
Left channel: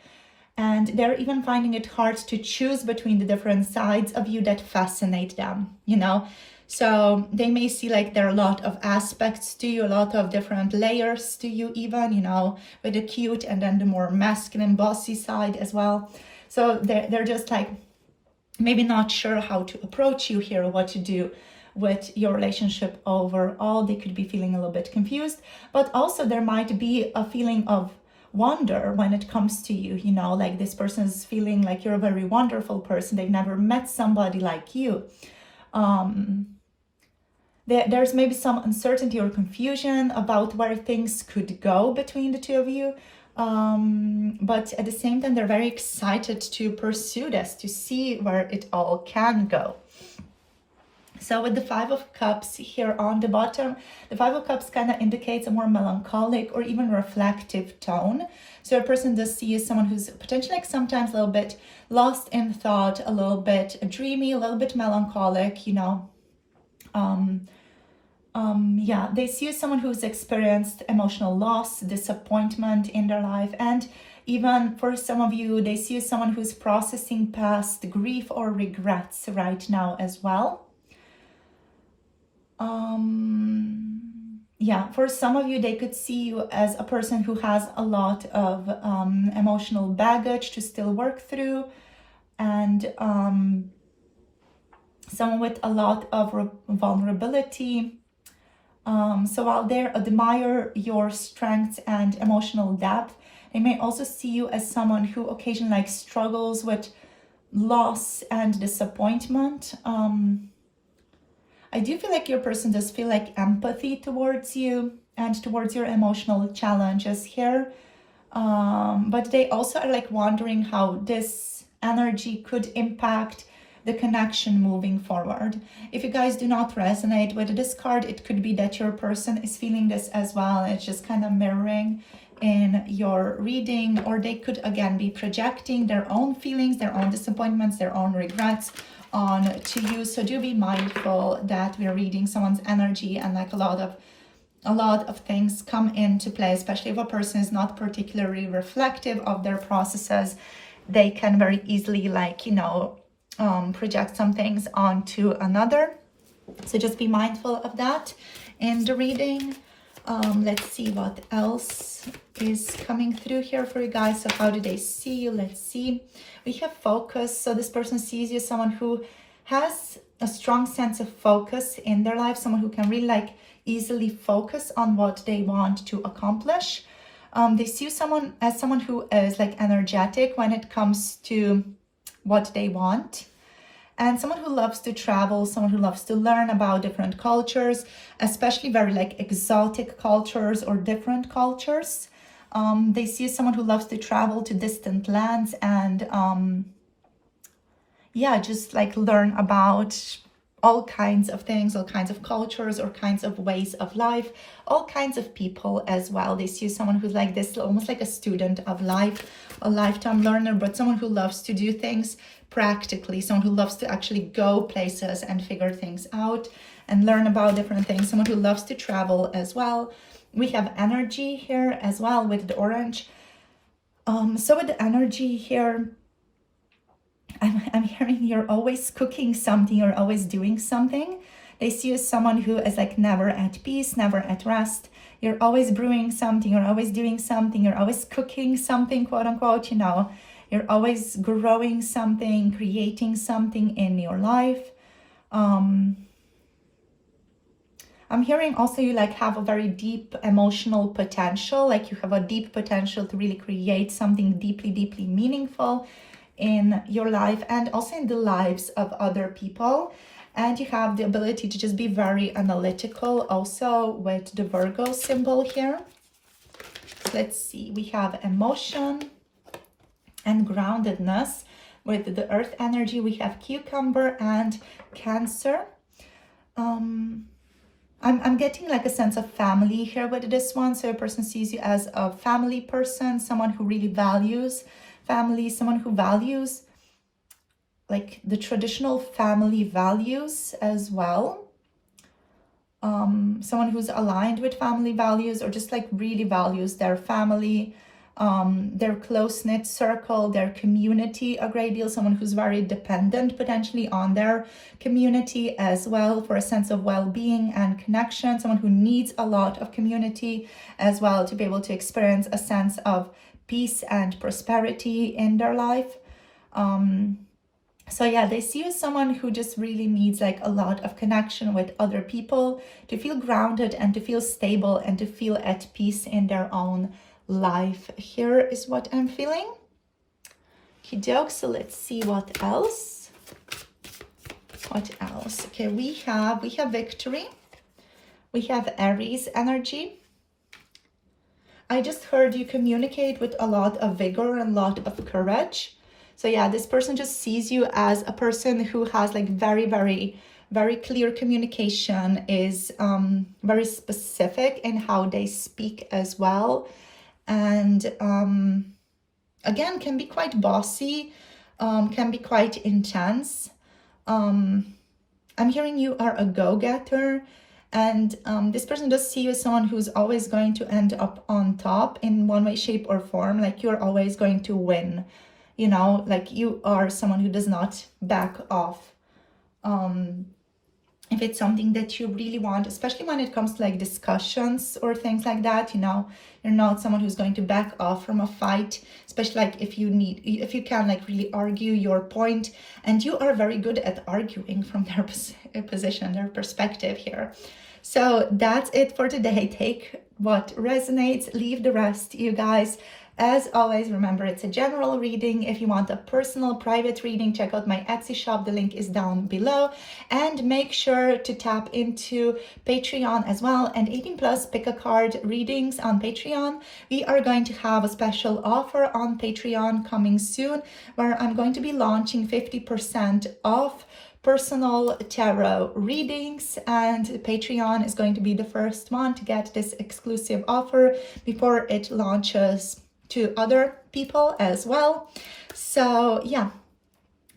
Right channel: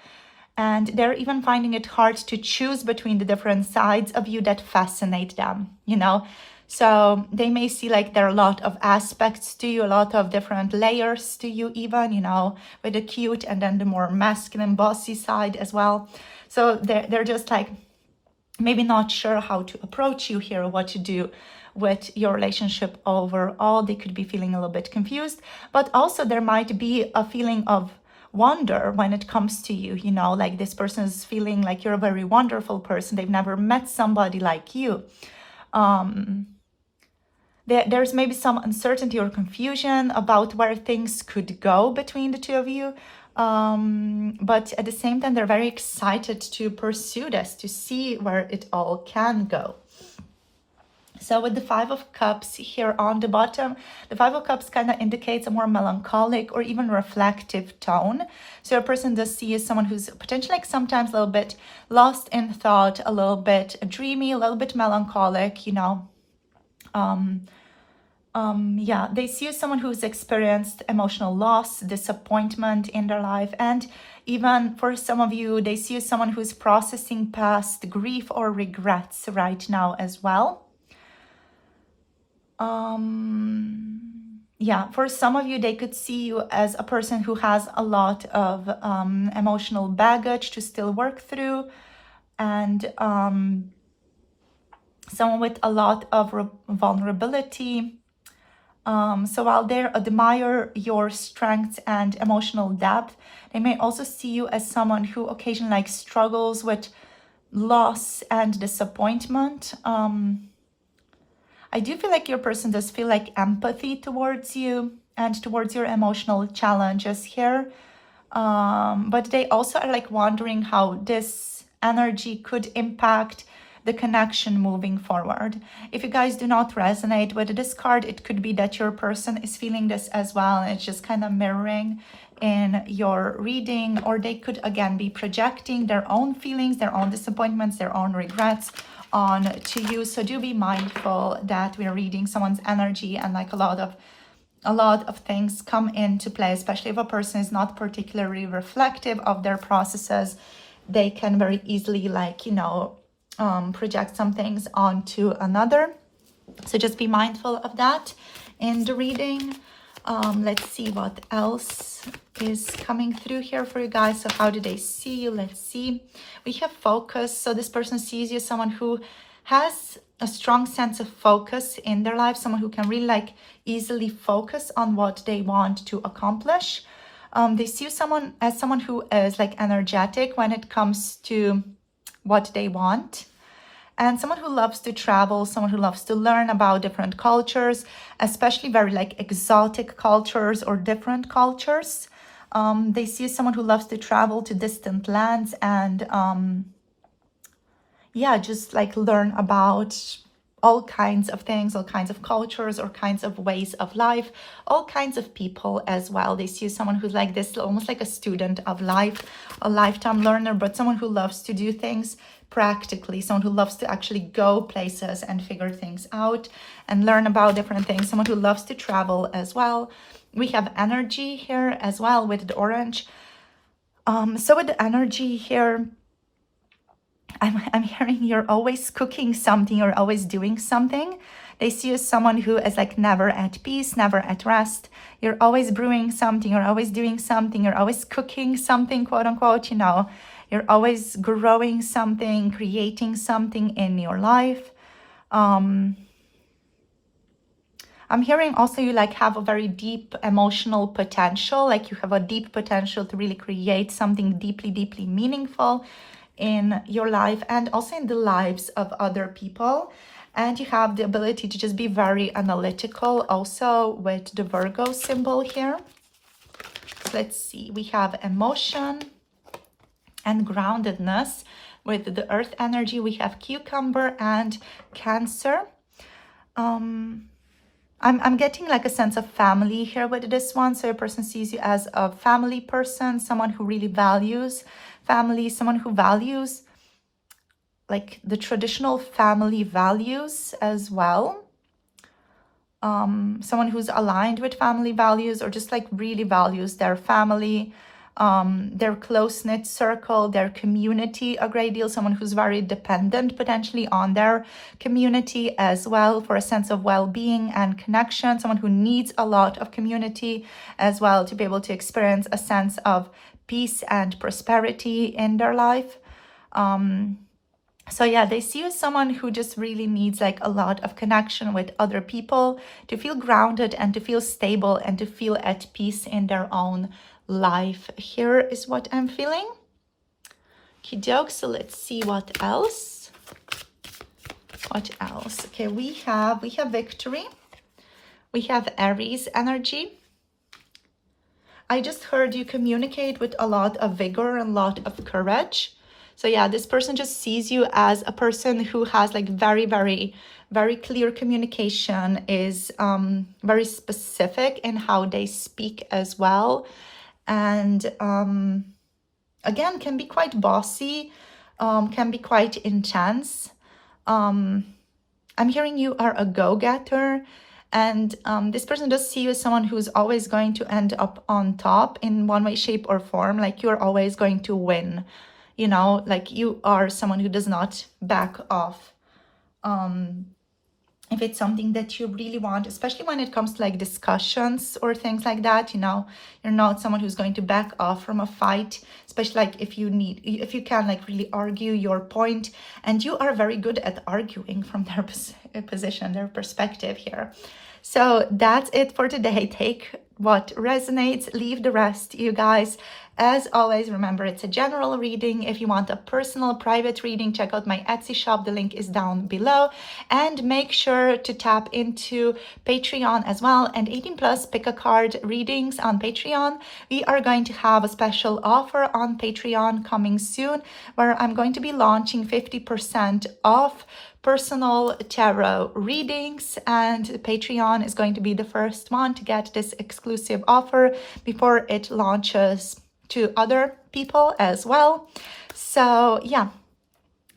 And they're even finding it hard to choose between the different sides of you that fascinate them, you know. So they may see like there are a lot of aspects to you, a lot of different layers to you even, you know, with the cute and then the more masculine bossy side as well. So they're just like maybe not sure how to approach you here, what to do with your relationship overall. They could be feeling a little bit confused, but also there might be a feeling of wonder when it comes to you, you know, like this person is feeling like you're a very wonderful person. They've never met somebody like you. There's maybe some uncertainty or confusion about where things could go between the two of you. But at the same time, they're very excited to pursue this, to see where it all can go. So with the Five of Cups here on the bottom, the Five of Cups kind of indicates a more melancholic or even reflective tone. So a person does see as someone who's potentially like sometimes a little bit lost in thought, a little bit dreamy, a little bit melancholic, you know. Yeah, they see you as someone who's experienced emotional loss, disappointment in their life, and even for some of you, they see you as someone who's processing past grief or regrets right now as well. Yeah, for some of you, they could see you as a person who has a lot of emotional baggage to still work through, and someone with a lot of vulnerability. So while they admire your strength and emotional depth, they may also see you as someone who occasionally like struggles with loss and disappointment. I do feel like your person does feel like empathy towards you and towards your emotional challenges here. But they also are like wondering how this energy could impact the connection moving forward. If you guys do not resonate with this card, it could be that your person is feeling this as well. It's just kind of mirroring in your reading, or they could again be projecting their own feelings, their own disappointments, their own regrets on to you. So do be mindful that we're reading someone's energy, and like a lot of things come into play, especially if a person is not particularly reflective of their processes. They can very easily like, you know, project some things onto another. So just be mindful of that in the reading. Let's see what else is coming through here for you guys. So how do they see you? Let's see. We have focus. So this person sees you as someone who has a strong sense of focus in their life, someone who can really like easily focus on what they want to accomplish. They see you as someone who is like energetic when it comes to what they want, and someone who loves to travel, someone who loves to learn about different cultures, especially very like exotic cultures or different cultures. They see someone who loves to travel to distant lands and yeah, just like learn about all kinds of things, all kinds of cultures, or kinds of ways of life, all kinds of people as well. They see someone who's like this, almost like a student of life, a lifetime learner, but someone who loves to do things practically, someone who loves to actually go places and figure things out and learn about different things, someone who loves to travel as well. We have energy here as well with the orange. So with the energy here, I'm hearing you're always cooking something, you're always doing something. They see you as someone who is like never at peace, never at rest. You're always brewing something, you're always doing something, you're always cooking something, quote unquote, you know. You're always growing something, creating something in your life. I'm hearing also you like have a very deep emotional potential, like you have a deep potential to really create something deeply, deeply meaningful in your life and also in the lives of other people. And you have the ability to just be very analytical also with the Virgo symbol here. Let's see, we have emotion and groundedness. With the earth energy, we have cucumber and Cancer. I'm getting like a sense of family here with this one. So a person sees you as a family person, someone who really values family, someone who values like the traditional family values as well. Someone who's aligned with family values or just like really values their family. their close-knit circle, their community a great deal, someone who's very dependent potentially on their community as well for a sense of well-being and connection, someone who needs a lot of community as well to be able to experience a sense of peace and prosperity in their life. So yeah, they see you as someone who just really needs like a lot of connection with other people to feel grounded and to feel stable and to feel at peace in their own life. Here is what I'm feeling. Okey-doke, so let's see what else. What else? Okay, we have victory. We have Aries energy. I just heard you communicate with a lot of vigor and a lot of courage. So yeah, this person just sees you as a person who has like very, very, very clear communication, is very specific in how they speak as well. And again, can be quite bossy, can be quite intense. I'm hearing you are a go-getter. And this person does see you as someone who's always going to end up on top in one way, shape, or form. Like you're always going to win. You know, like you are someone who does not back off. If it's something that you really want, especially when it comes to like discussions or things like that, you know, you're not someone who's going to back off from a fight, especially like if you can like really argue your point, and you are very good at arguing from their position, their perspective here. So that's it for today. Take what resonates, leave the rest, you guys. As always, remember it's a general reading. If you want a personal private reading, check out my Etsy shop. The link is down below. And make sure to tap into Patreon as well. And 18 plus pick a card readings on Patreon. We are going to have a special offer on Patreon coming soon, where I'm going to be launching 50% off personal tarot readings, and Patreon is going to be the first one to get this exclusive offer before it launches to other people as well. So yeah,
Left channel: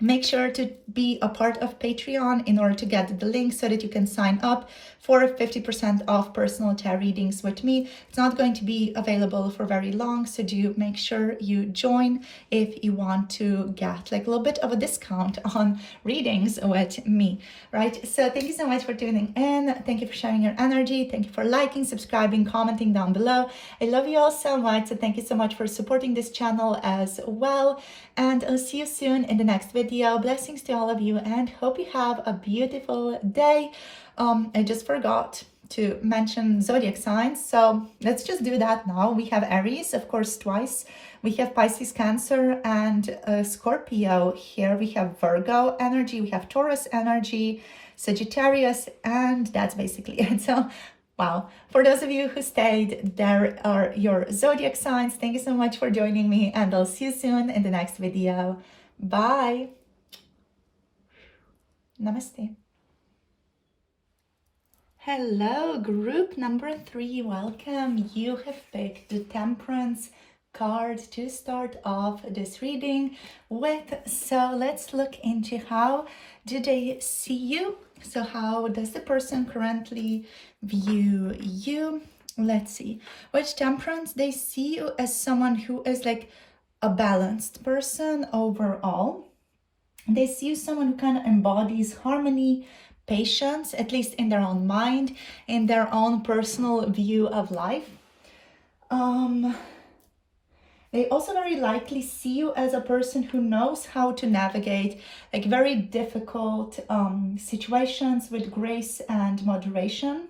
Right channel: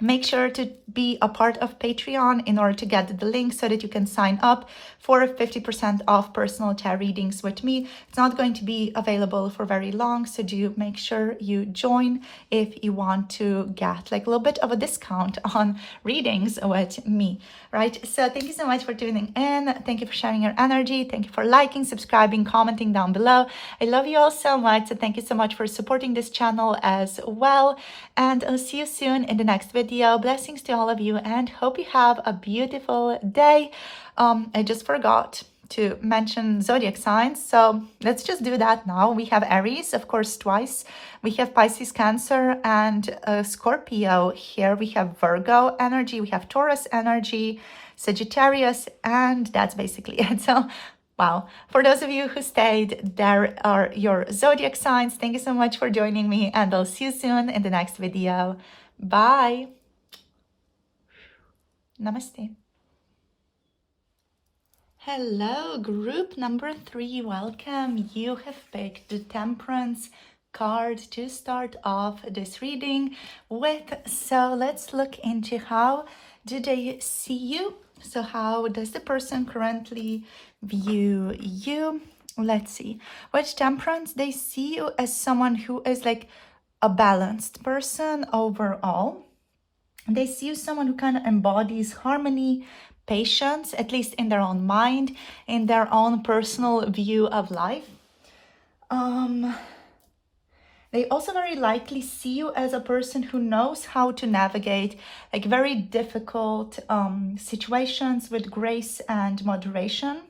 make sure to be a part of Patreon in order to get the link so that you can sign up for 50% off personal tarot readings with me. It's not going to be available for very long, so do make sure you join if you want to get like a little bit of a discount on readings with me, right? So thank you so much for tuning in. Thank you for sharing your energy. Thank you for liking, subscribing, commenting down below. I love you all so much. So thank you so much for supporting this channel as well. And I'll see you soon in the next video. Blessings to all of you and hope you have a beautiful day. I just forgot to mention zodiac signs, so let's just do that now. We have Aries, of course, twice. We have Pisces, Cancer, and Scorpio. Here we have Virgo energy, we have Taurus energy, Sagittarius, and that's basically it. So wow, for those of you who stayed, there are your zodiac signs. Thank you so much for joining me, and I'll see you soon in the next video. Bye. Namaste. Hello, group number 3. Welcome. You have picked the Temperance card to start off this reading with. So let's look into how do they see you. So how does the person currently view you? Let's see. With Temperance, they see you as someone who is like a balanced person overall. They see you as someone who kind of embodies harmony, patience, at least in their own mind, in their own personal view of life. They also very likely see you as a person who knows how to navigate like very difficult situations with grace and moderation.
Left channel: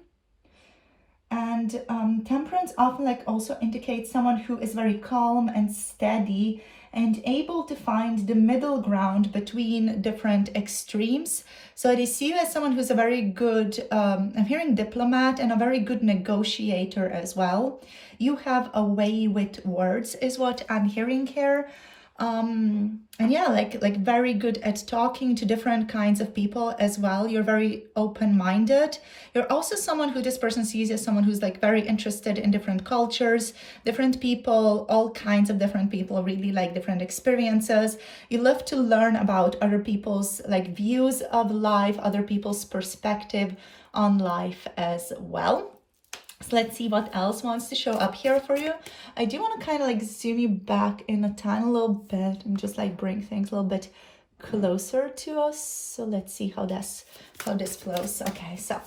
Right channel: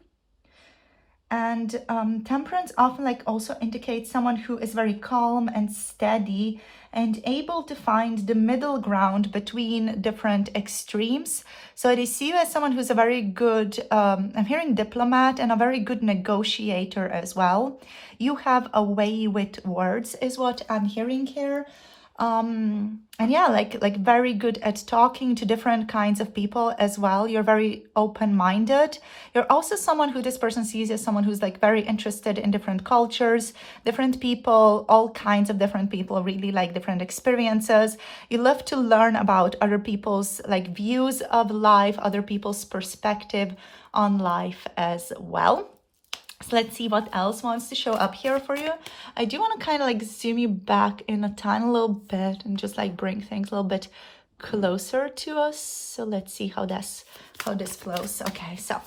And Temperance often like also indicates someone who is very calm and steady and able to find the middle ground between different extremes. So they see you as someone who's a very good, I'm hearing diplomat, and a very good negotiator as well. You have a way with words is what I'm hearing here. And yeah, like very good at talking to different kinds of people as well. You're very open-minded. You're also someone who this person sees as someone who's like very interested in different cultures, different people, all kinds of different people, really like different experiences. You love to learn about other people's like views of life, other people's perspective on life as well. So let's see what else wants to show up here for you. I do want to kind of like zoom you back in a tiny little bit and just like bring things a little bit closer to us. So let's see how this flows. Okay, so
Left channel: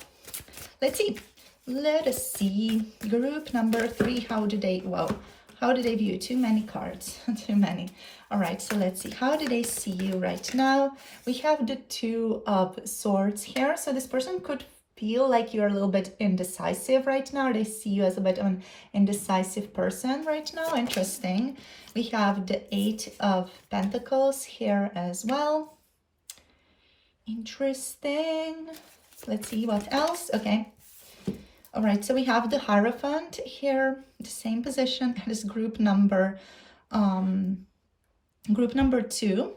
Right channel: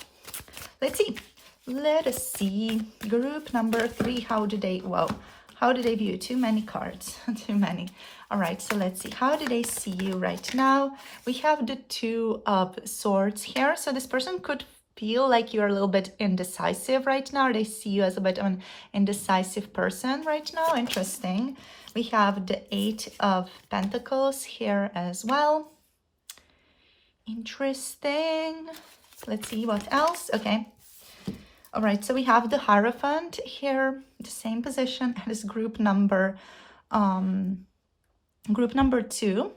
let's see. Let us see. Group number 3. How do they view? Too many cards. Too many. All right, so let's see. How do they see you right now? We have the 2 of Swords here. So this person could feel like you're a little bit indecisive right now. They see you as a bit of an indecisive person right now. Interesting. We have the 8 of Pentacles here as well. Interesting. Let's see what else. Okay. All right, so we have the Hierophant here, the same position as group number 2.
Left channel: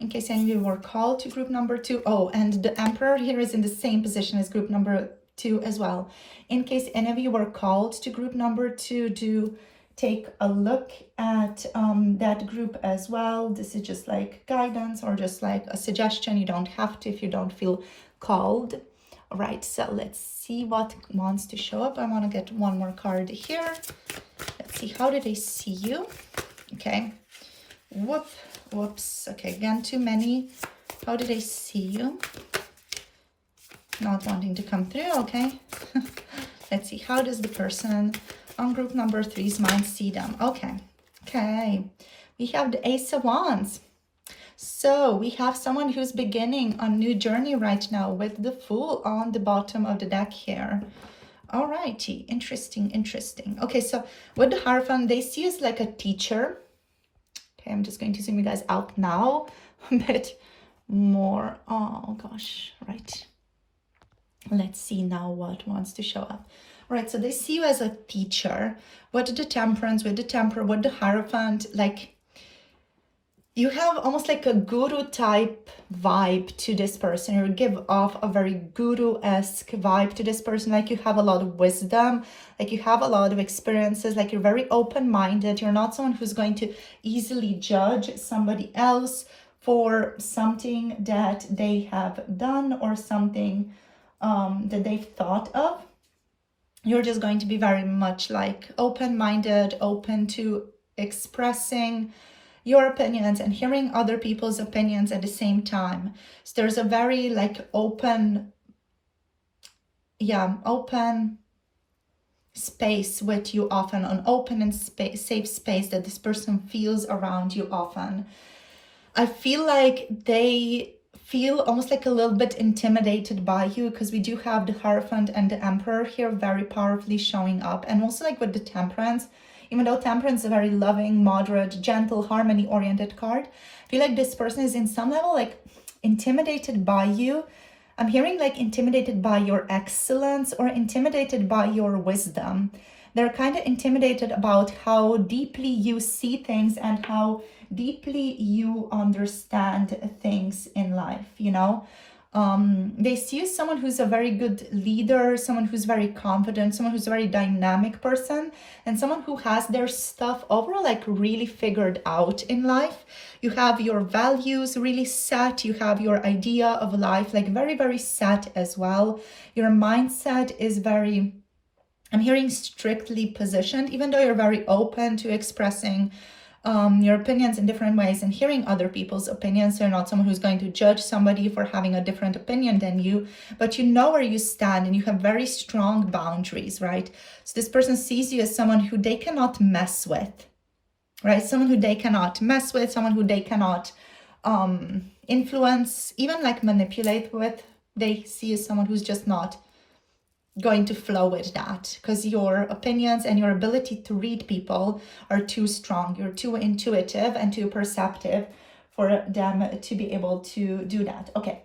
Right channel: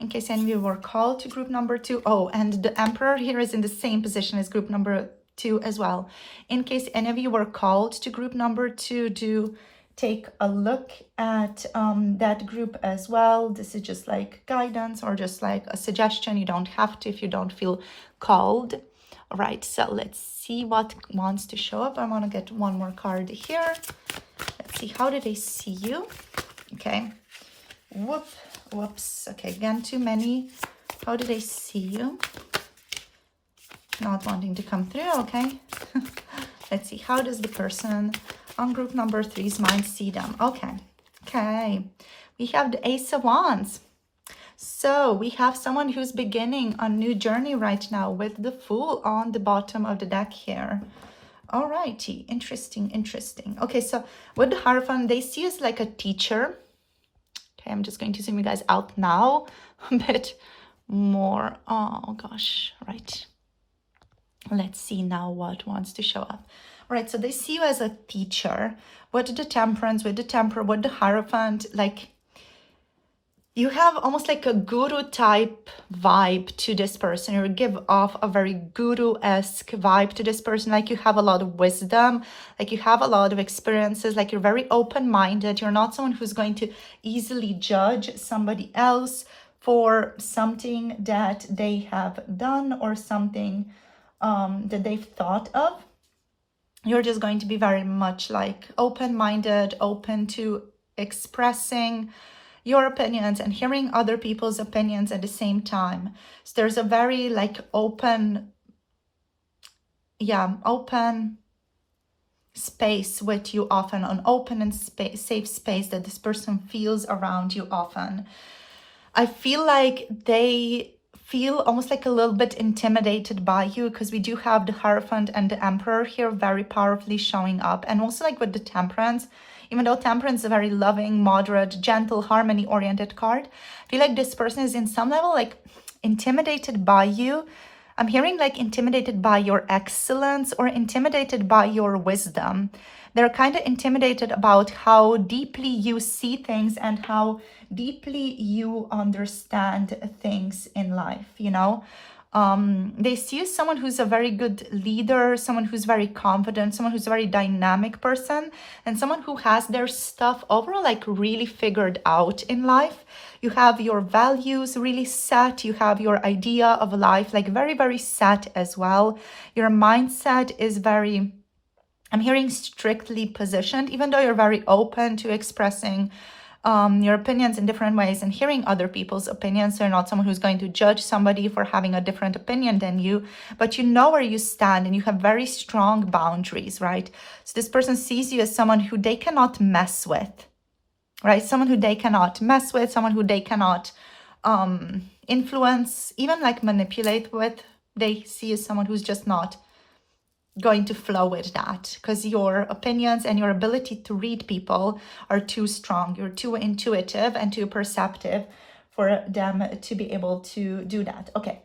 In case any of you were called to group number 2. Oh, and the Emperor here is in the same position as group number 2 as well. In case any of you were called to group number 2, do take a look at that group as well. This is just like guidance or just like a suggestion. You don't have to if you don't feel called. All right, so let's see what wants to show up. I want to get one more card here. Let's see, how do they see you? Okay. Whoops. Okay, again, too many. How do they see you? Not wanting to come through. Okay. Let's see, how does the person on group number 3's mind see them? Okay. We have the Ace of Wands. So we have someone who's beginning a new journey right now with the Fool on the bottom of the deck here. All righty. Interesting. Okay, so with the Hierophant, they see you as like a teacher. Okay, I'm just going to zoom you guys out now a bit more. Oh gosh, right. Let's see now what wants to show up. All right, so they see you as a teacher. With the Temperance, with the Temperance, with the Hierophant, like you have almost like a guru type vibe to this person. You give off a very guru-esque vibe to this person. Like you have a lot of wisdom, like you have a lot of experiences, like you're very open-minded. You're not someone who's going to easily judge somebody else for something that they have done or something that they've thought of. You're just going to be very much like open-minded, open to expressing your opinions and hearing other people's opinions at the same time. So there's a very like open space with you often, an open and safe space that this person feels around you often. I feel like they feel almost like a little bit intimidated by you because we do have the Hierophant and the Emperor here very powerfully showing up. And also like with the Temperance, even though Temperance is a very loving, moderate, gentle, harmony-oriented card, I feel like this person is in some level like intimidated by you. I'm hearing like intimidated by your excellence or intimidated by your wisdom. They're kind of intimidated about how deeply you see things and how deeply you understand things in life, you know? They see you as someone who's a very good leader, someone who's very confident, someone who's a very dynamic person, and someone who has their stuff overall like really figured out in life. You have your values really set. You have your idea of life like very, very set as well. Your mindset is very, I'm hearing strictly positioned, even though you're very open to expressing your opinions in different ways and hearing other people's opinions. You're not someone who's going to judge somebody for having a different opinion than you, but you know where you stand and you have very strong boundaries, right? So this person sees you as someone who they cannot mess with, right? Someone who they cannot mess with, someone who they cannot influence, even like manipulate with. They see you as someone who's just not going to flow with that because your opinions and your ability to read people are too strong. You're too intuitive and too perceptive for them to be able to do that. Okay,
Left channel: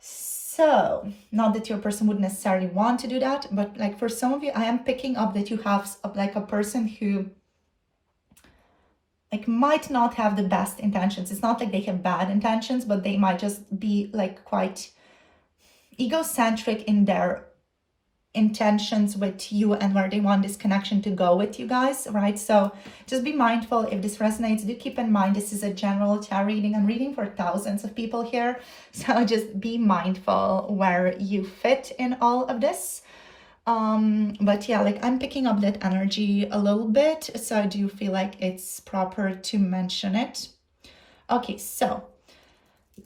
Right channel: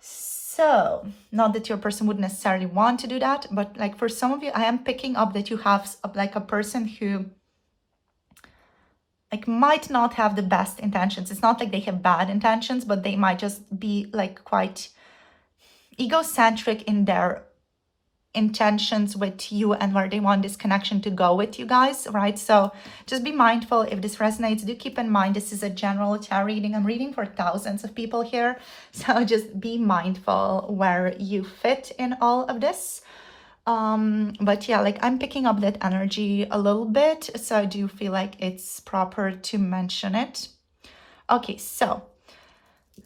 so not that your person would necessarily want to do that, but like for some of you, I am picking up that you have like a person who like might not have the best intentions. It's not like they have bad intentions, but they might just be like quite egocentric in their intentions with you and where they want this connection to go with you guys, right? So just be mindful. If this resonates, do keep in mind this is a general tarot reading. I'm reading for thousands of people here, so just be mindful where you fit in all of this. But yeah, like I'm picking up that energy a little bit, so I do feel like it's proper to mention it. Okay, so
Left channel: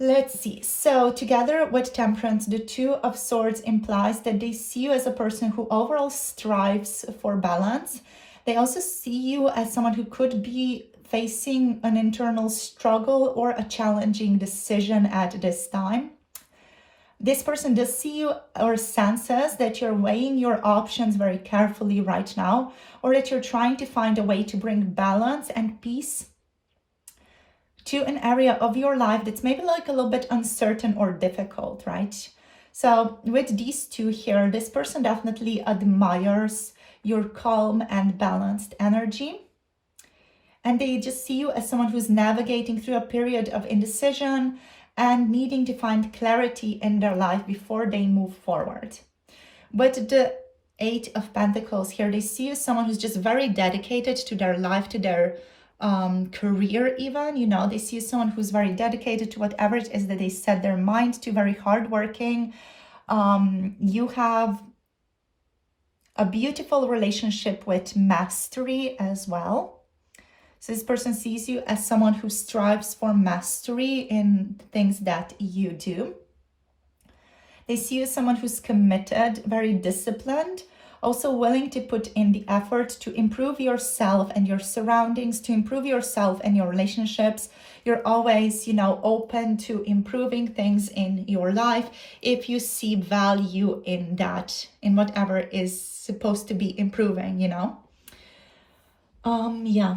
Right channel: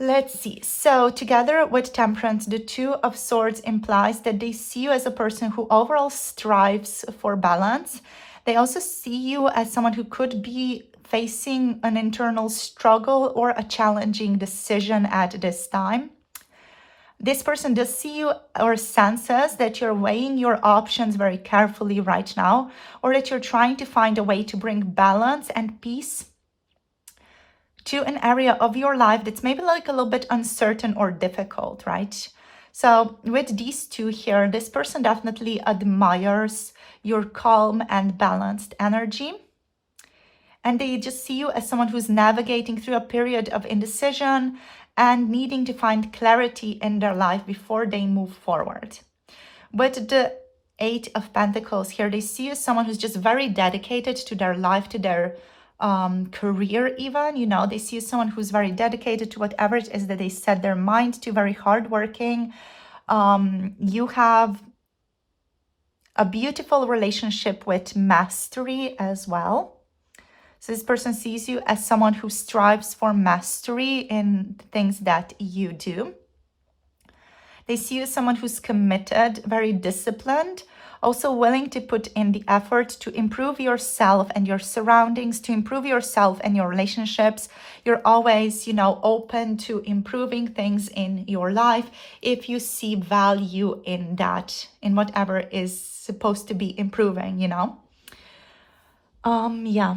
let's see. So together with Temperance, the Two of Swords implies that they see you as a person who overall strives for balance. They also see you as someone who could be facing an internal struggle or a challenging decision at this time. This person does see you or senses that you're weighing your options very carefully right now, or that you're trying to find a way to bring balance and peace to an area of your life that's maybe like a little bit uncertain or difficult, right? So with these two here, this person definitely admires your calm and balanced energy. And they just see you as someone who's navigating through a period of indecision and needing to find clarity in their life before they move forward. With the Eight of Pentacles here, they see you as someone who's just very dedicated to their life, to their career even, you know. They see you as someone who's very dedicated to whatever it is that they set their mind to, very hardworking. You have a beautiful relationship with mastery as well. So this person sees you as someone who strives for mastery in things that you do. They see you as someone who's committed, very disciplined, also willing to put in the effort to improve yourself and your surroundings, to improve yourself and your relationships. You're always, you know, open to improving things in your life if you see value in that, in whatever is supposed to be improving, you know. Yeah.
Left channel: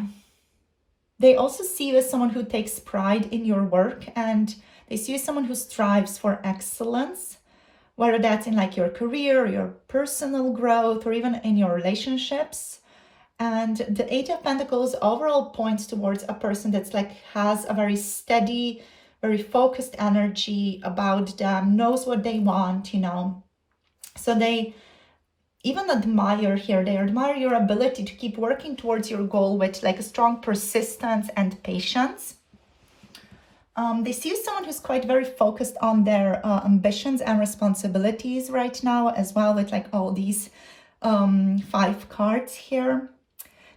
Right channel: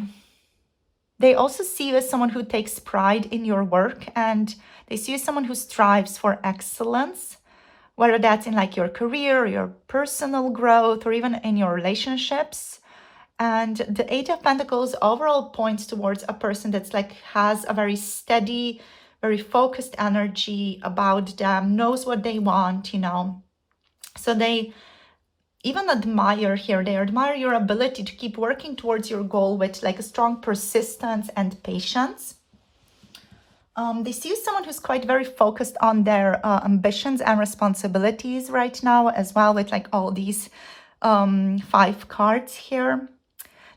They also see you as someone who takes pride in your work, and they see you as someone who strives for excellence, whether that's in like your career, your personal growth, or even in your relationships. And the Eight of Pentacles overall points towards a person that's like has a very steady, very focused energy about them, knows what they want, you know. So they even admire here, they admire your ability to keep working towards your goal with like a strong persistence and patience. They see someone who's quite very focused on their ambitions and responsibilities right now as well, with like all these 5 cards here.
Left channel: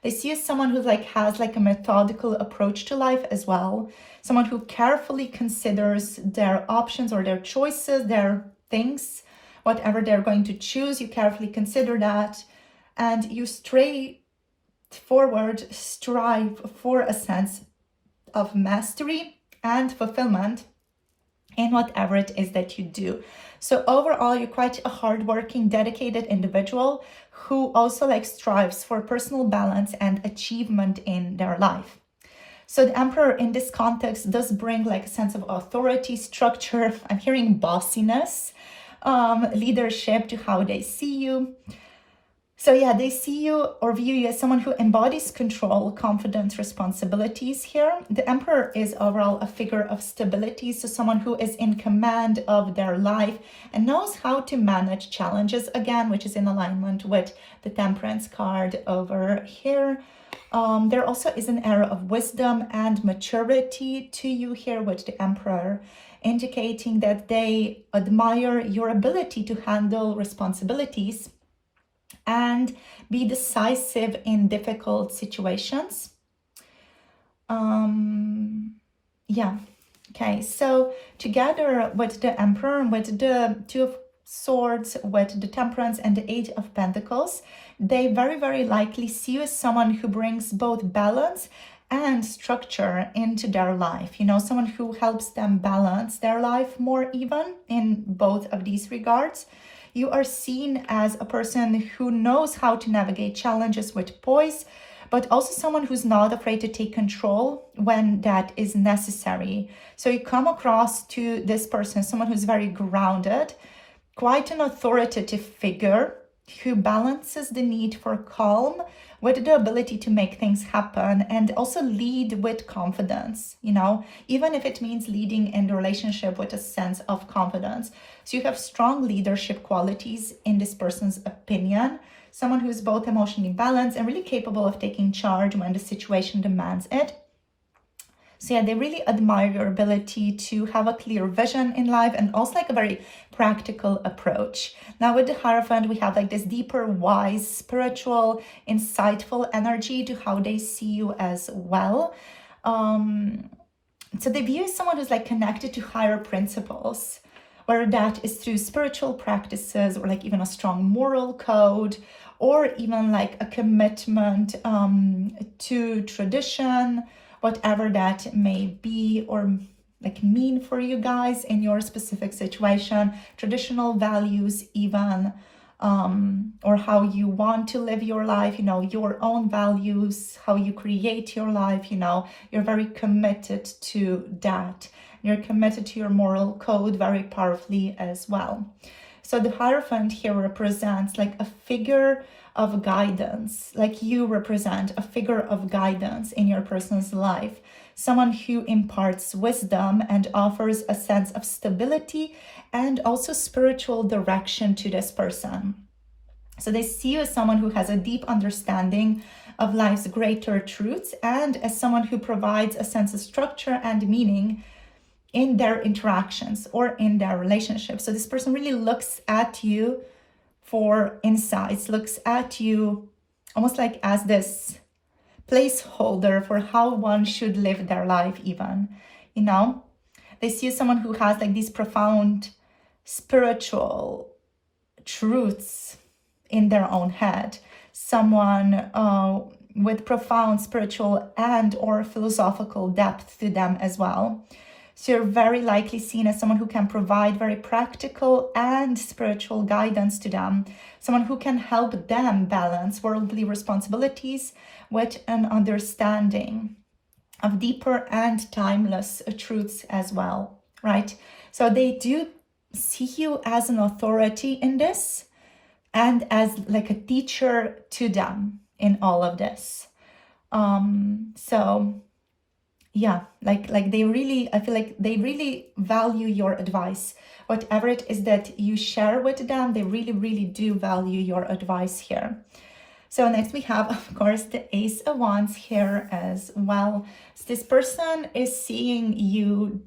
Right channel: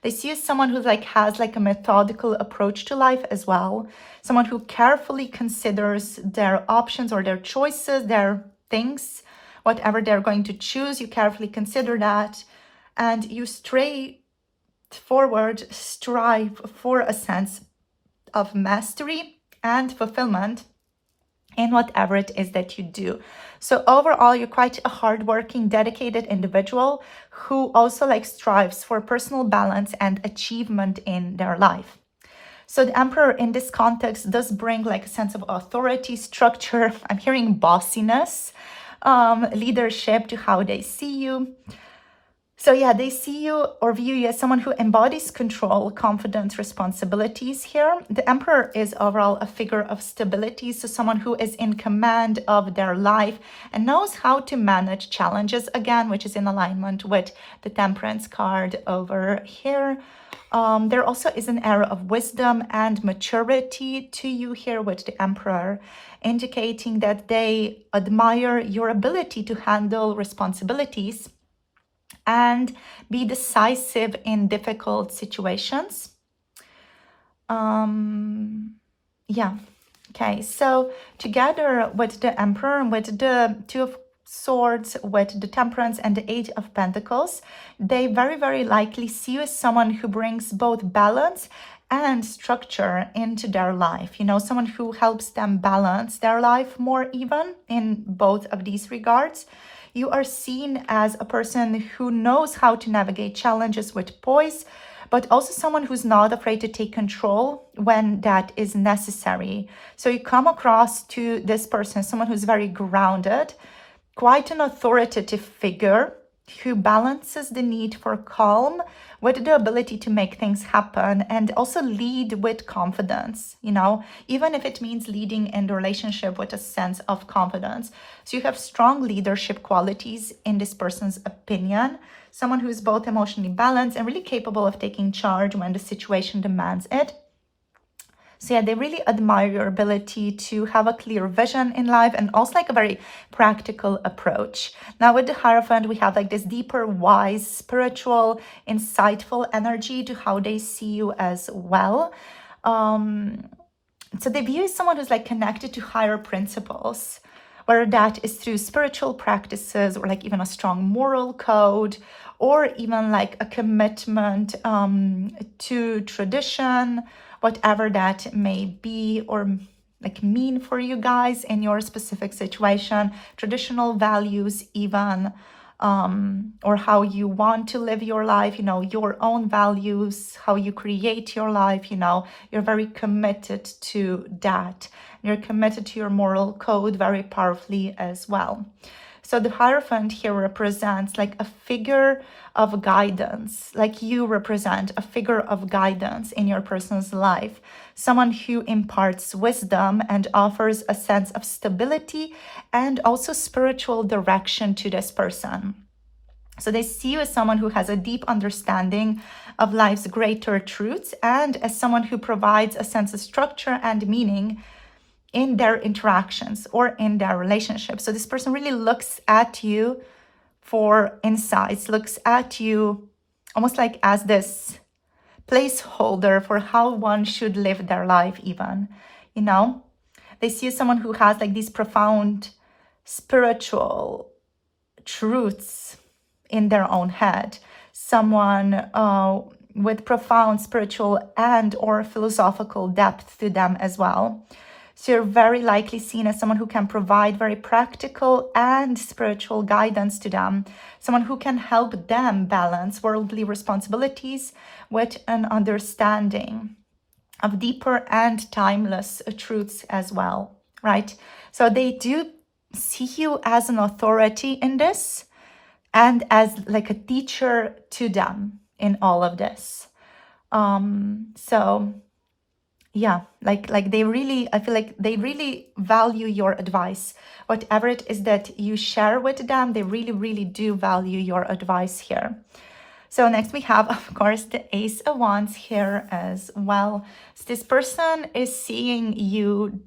They see someone who like has like a methodical approach to life as well. Someone who carefully considers their options or their choices, their things, whatever they're going to choose, you carefully consider that, and you strive for a sense of mastery and fulfillment in whatever it is that you do. So overall, you're quite a hardworking, dedicated individual who also like strives for personal balance and achievement in their life. So the Emperor in this context does bring like a sense of authority, structure. I'm hearing bossiness, leadership to how they see you. So yeah, they see you or view you as someone who embodies control, confidence, responsibilities here. The Emperor is overall a figure of stability, so someone who is in command of their life and knows how to manage challenges, again, which is in alignment with the Temperance card over here. There also is an era of wisdom and maturity to you here with the Emperor, indicating that they admire your ability to handle responsibilities and be decisive in difficult situations. Yeah. Okay, so together with the Emperor, with the Two of Swords, with the Temperance and the Eight of Pentacles, they very, very likely see you as someone who brings both balance and structure into their life. You know, someone who helps them balance their life more even in both of these regards. You are seen as a person who knows how to navigate challenges with poise, but also someone who's not afraid to take control when that is necessary. So you come across to this person, someone who's very grounded, quite an authoritative figure who balances the need for calm with the ability to make things happen and also lead with confidence, you know, even if it means leading in the relationship with a sense of confidence. So you have strong leadership qualities in this person's opinion, someone who is both emotionally balanced and really capable of taking charge when the situation demands it. So yeah, they really admire your ability to have a clear vision in life and also like a very practical approach. Now with the Hierophant, we have like this deeper, wise, spiritual, insightful energy to how they see you as well. So they view you as someone who's like connected to higher principles, whether that is through spiritual practices or like even a strong moral code, or even like a commitment to tradition, whatever that may be or like mean for you guys in your specific situation, traditional values even, or how you want to live your life, you know, your own values, how you create your life, you know, you're very committed to that. You're committed to your moral code very powerfully as well. So the Hierophant here represents like a figure of guidance, like you represent a figure of guidance in your person's life, someone who imparts wisdom and offers a sense of stability and also spiritual direction to this person. So they see you as someone who has a deep understanding of life's greater truths and as someone who provides a sense of structure and meaning in their interactions or in their relationships. So this person really looks at you for insights, looks at you almost like as this placeholder for how one should live their life even, you know. They see you as someone who has like these profound spiritual truths in their own head, someone with profound spiritual and or philosophical depth to them as well. So you're very likely seen as someone who can provide very practical and spiritual guidance to them, someone who can help them balance worldly responsibilities with an understanding of deeper and timeless truths as well, right? So they do see you as an authority in this and as like a teacher to them in all of this. So yeah, like they really, I feel like they really value your advice. Whatever it is that you share with them, they really, really do value your advice here. So next we have, of course, the Ace of Wands here as well. So this person is seeing you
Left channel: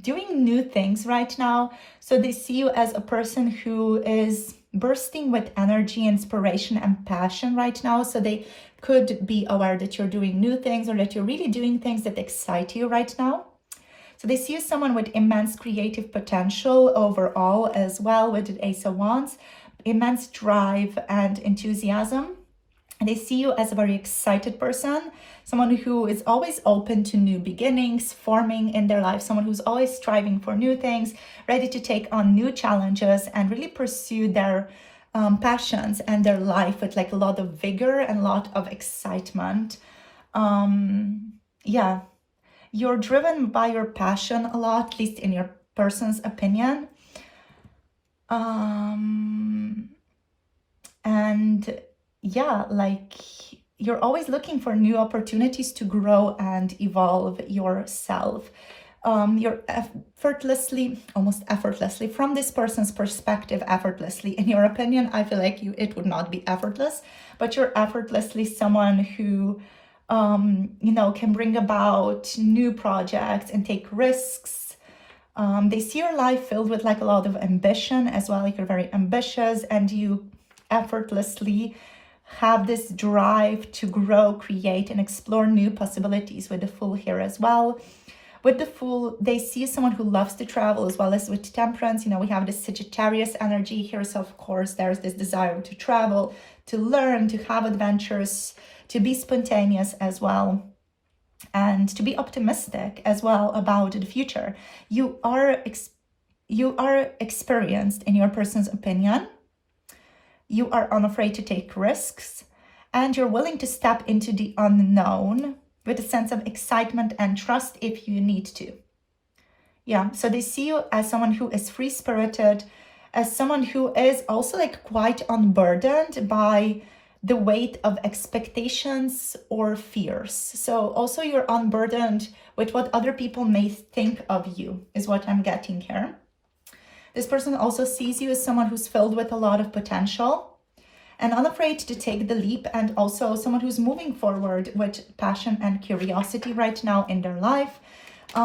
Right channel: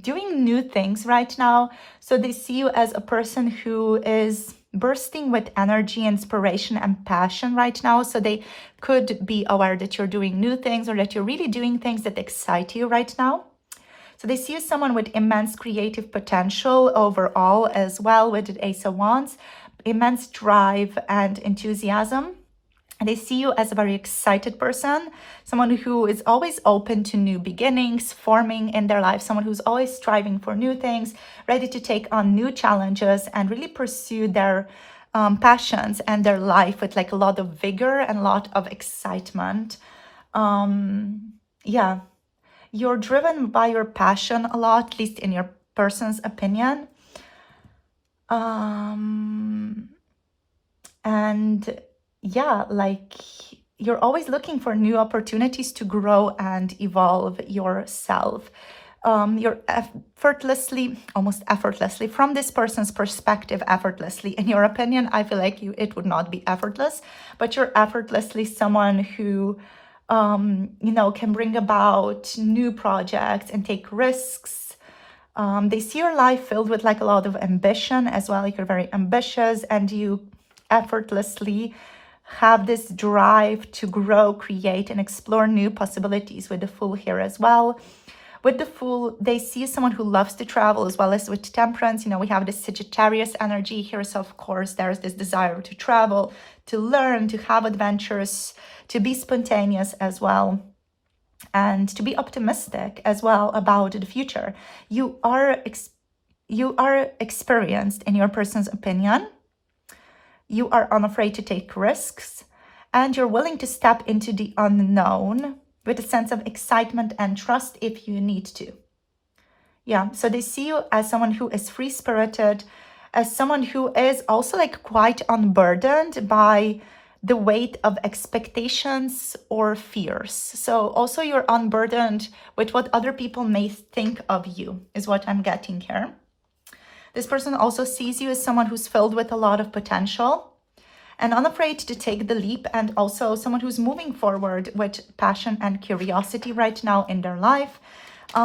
doing new things right now. So they see you as a person who is bursting with energy, inspiration, and passion right now. So they could be aware that you're doing new things or that you're really doing things that excite you right now. So they see you as someone with immense creative potential overall as well with the Ace of Wands, immense drive and enthusiasm. And they see you as a very excited person, someone who is always open to new beginnings forming in their life, someone who's always striving for new things, ready to take on new challenges and really pursue their passions and their life with like a lot of vigor and a lot of excitement. Yeah, you're driven by your passion a lot, at least in your person's opinion. And yeah, like you're always looking for new opportunities to grow and evolve yourself. You're effortlessly, almost effortlessly, from this person's perspective, effortlessly. In your opinion, I feel like it would not be effortless, but you're effortlessly someone who, you know, can bring about new projects and take risks. They see your life filled with like a lot of ambition as well. Like you're very ambitious and you effortlessly have this drive to grow, create, and explore new possibilities with the Fool here as well. With the Fool, they see someone who loves to travel as well as with Temperance. You know, we have this Sagittarius energy here. So, of course, there's this desire to travel, to learn, to have adventures, to be spontaneous as well, and to be optimistic as well about the future. You are experienced in your person's opinion. You are unafraid to take risks, and you're willing to step into the unknown with a sense of excitement and trust if you need to. Yeah, so they see you as someone who is free-spirited, as someone who is also like quite unburdened by the weight of expectations or fears. So also you're unburdened with what other people may think of you, is what I'm getting here. This person also sees you as someone who's filled with a lot of potential and unafraid to take the leap, and also someone who's moving forward with passion and curiosity right now in their life.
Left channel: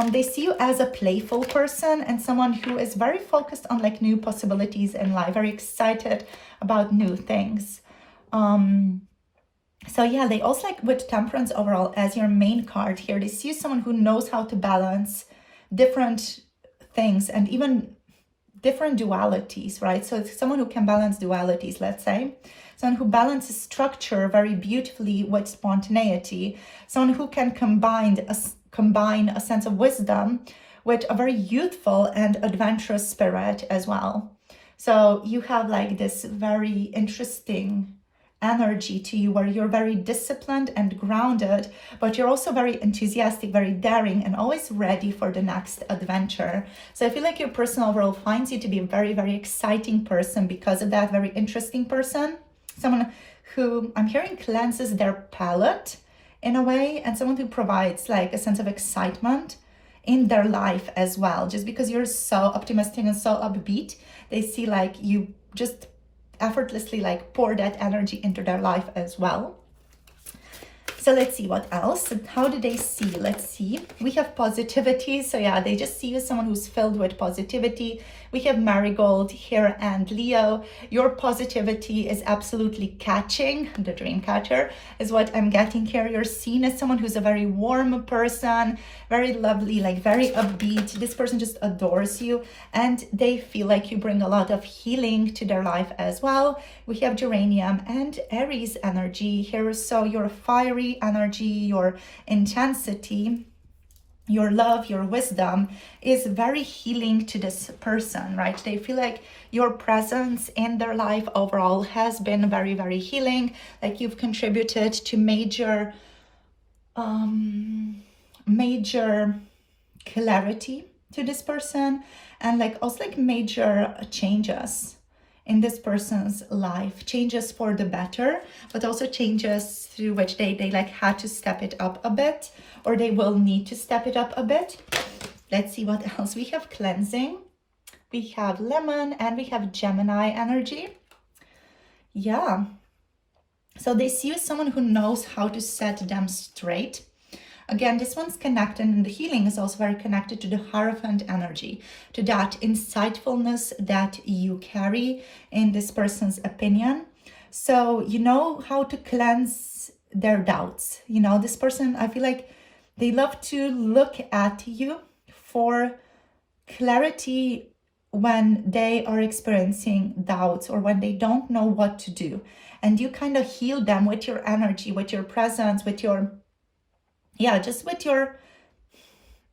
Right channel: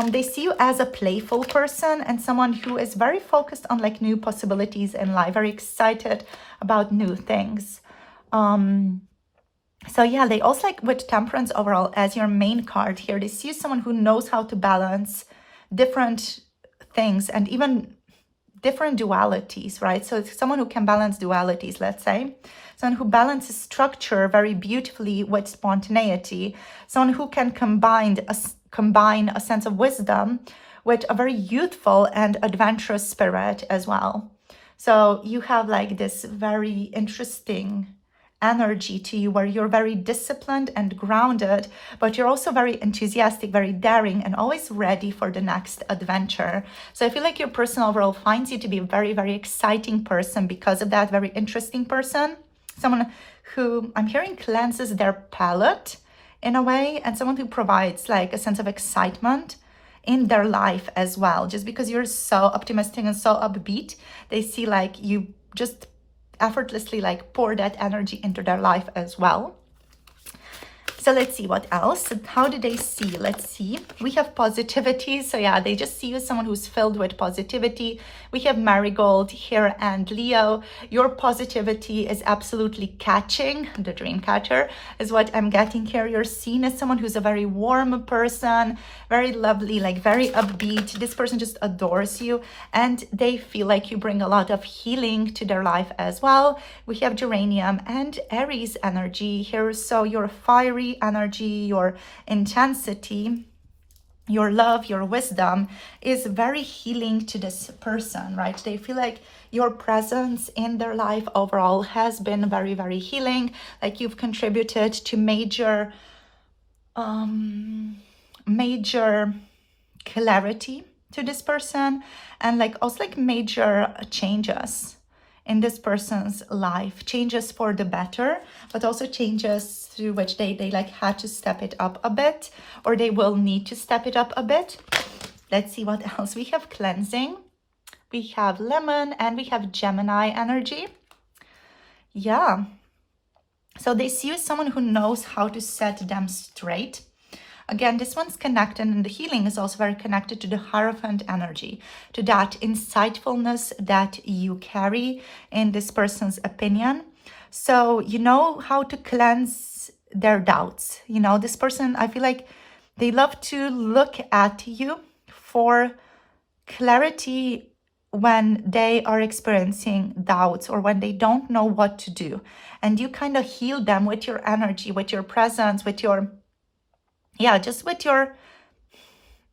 They see you as a playful person and someone who is very focused on like new possibilities in life, very excited about new things. So yeah, they also like with Temperance overall as your main card here, they see you someone who knows how to balance different things and even different dualities, right? So it's someone who can balance dualities, let's say. Someone who balances structure very beautifully with spontaneity. Someone who can combine a sense of wisdom with a very youthful and adventurous spirit as well. So you have like this very interesting energy to you where you're very disciplined and grounded, but you're also very enthusiastic, very daring, and always ready for the next adventure. So I feel like your person overall finds you to be a very, very exciting person because of that, very interesting person. Someone who I'm hearing cleanses their palate in a way, and someone who provides like a sense of excitement in their life as well. Just because you're so optimistic and so upbeat, they see like you just effortlessly like pour that energy into their life as well. So let's see what else. How do they see? Let's see. We have positivity. So yeah, they just see you as someone who's filled with positivity. We have Marigold here and Leo. Your positivity is absolutely catching. The dream catcher is what I'm getting here. You're seen as someone who's a very warm person, very lovely, like very upbeat. This person just adores you and they feel like you bring a lot of healing to their life as well. We have Geranium and Aries energy here. So your fiery energy, your intensity, your love, your wisdom is very healing to this person, right? They feel like your presence in their life overall has been very, very healing. Like you've contributed to major clarity to this person, and like also like major changes in this person's life, changes for the better, but also changes through which they like had to step it up a bit, or they will need to step it up a bit. Let's see what else. We have cleansing, we have lemon, and we have Gemini energy. Yeah, so they see you as someone who knows how to set them straight. Again, this one's connected, and the healing is also very connected to the Hierophant energy, to that insightfulness that you carry in this person's opinion. So you know how to cleanse their doubts. You know, this person, I feel like they love to look at you for clarity when they are experiencing doubts or when they don't know what to do. And you kind of heal them with your energy, with your presence, with your just with your,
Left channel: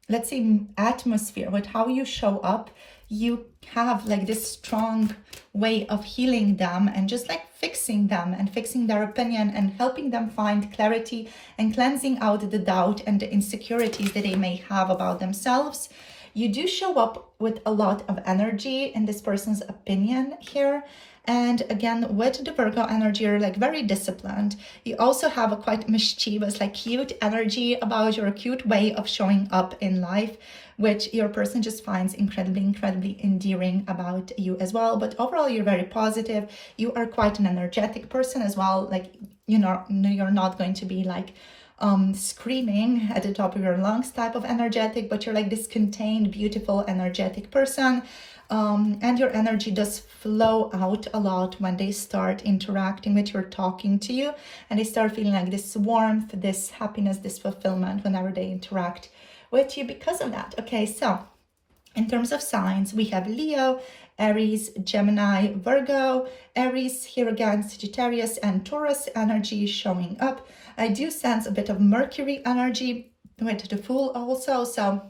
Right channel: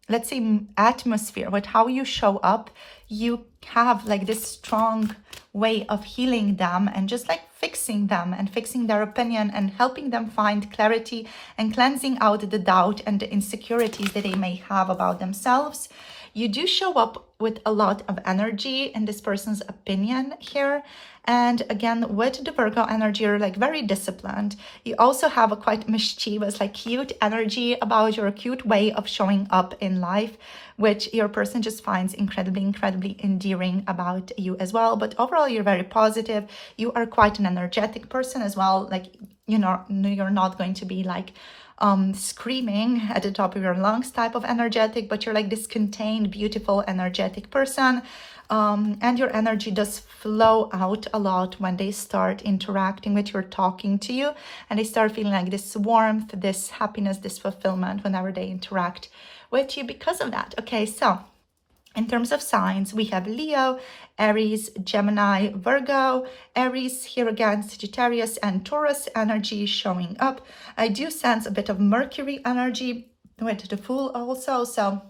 let's say, atmosphere, with how you show up. You have like this strong way of healing them and just like fixing them and fixing their opinion and helping them find clarity and cleansing out the doubt and the insecurities that they may have about themselves. You do show up with a lot of energy in this person's opinion here. And again, with the Virgo energy, you're like very disciplined. You also have a quite mischievous, like cute energy about your cute way of showing up in life, which your person just finds incredibly, incredibly endearing about you as well. But overall, you're very positive. You are quite an energetic person as well. Like, you know, you're not going to be like screaming at the top of your lungs type of energetic, but you're like this contained, beautiful, energetic person. And your energy does flow out a lot when they start interacting with you or talking to you, and they start feeling like this warmth, this happiness, this fulfillment whenever they interact with you because of that. Okay, so in terms of signs, we have Leo, Aries, Gemini, Virgo. Aries here again, Sagittarius and Taurus energy showing up. I do sense a bit of Mercury energy with the Fool also, so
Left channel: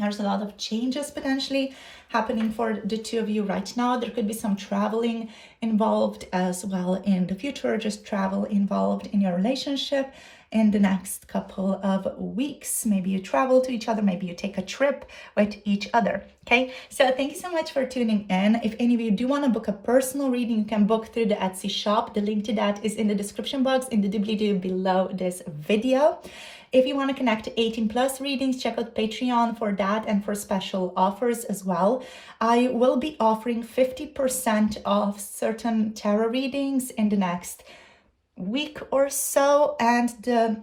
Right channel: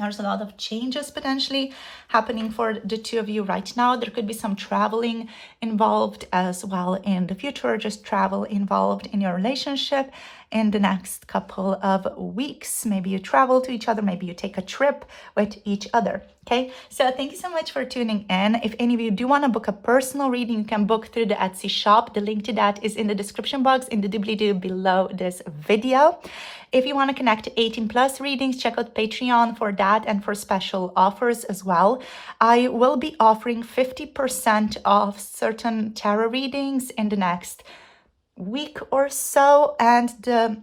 there's a lot of changes potentially happening for the two of you right now. There could be some traveling involved as well in the future, just travel involved in your relationship in the next couple of weeks. Maybe you travel to each other, maybe you take a trip with each other. Okay, so thank you so much for tuning in. If any of you do want to book a personal reading, you can book through the Etsy shop. The link to that is in the description box in the doobly-doo below this video. If you want to connect to 18 plus readings, check out Patreon for that and for special offers as well. I will be offering 50% off certain tarot readings in the next week or so, and the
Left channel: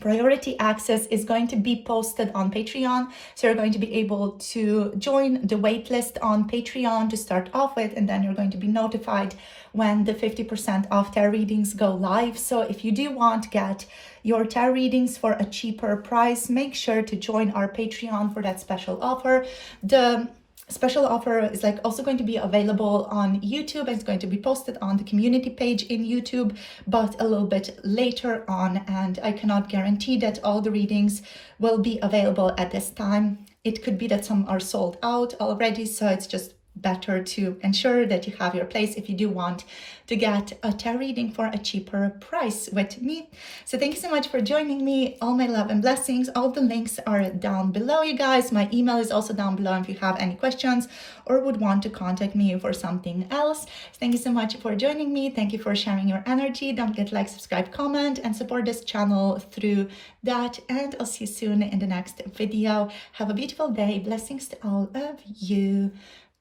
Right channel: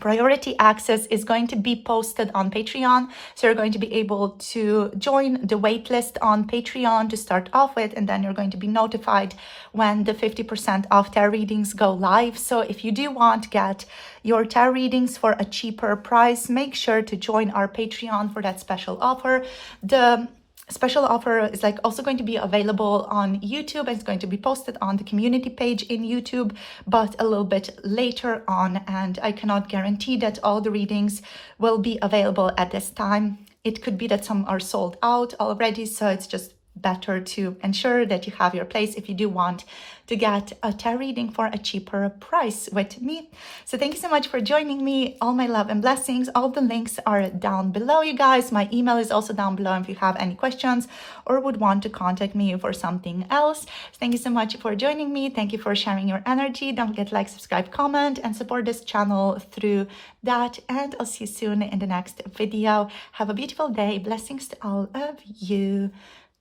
priority access is going to be posted on Patreon. So you're going to be able to join the waitlist on Patreon to start off with, and then you're going to be notified when the 50% off tarot readings go live. So if you do want to get your tarot readings for a cheaper price, make sure to join our Patreon for that special offer. The special offer is also going to be available on YouTube. It's going to be posted on the community page in YouTube, but a little bit later on, and I cannot guarantee that all the readings will be available at this time. It could be that some are sold out already, so it's just better to ensure that you have your place if you do want to get a tarot reading for a cheaper price with me. So thank you so much for joining me. All my love and blessings. All the links are down below, you guys. My email is also down below if you have any questions or would want to contact me for something else. Thank you so much for joining me. Thank you for sharing your energy. Don't forget to like, subscribe, comment, and support this channel through that. And I'll see you soon in the next video. Have a beautiful day. Blessings to all of you.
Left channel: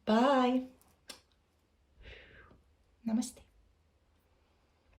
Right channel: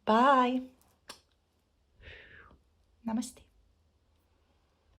Bye. Namaste.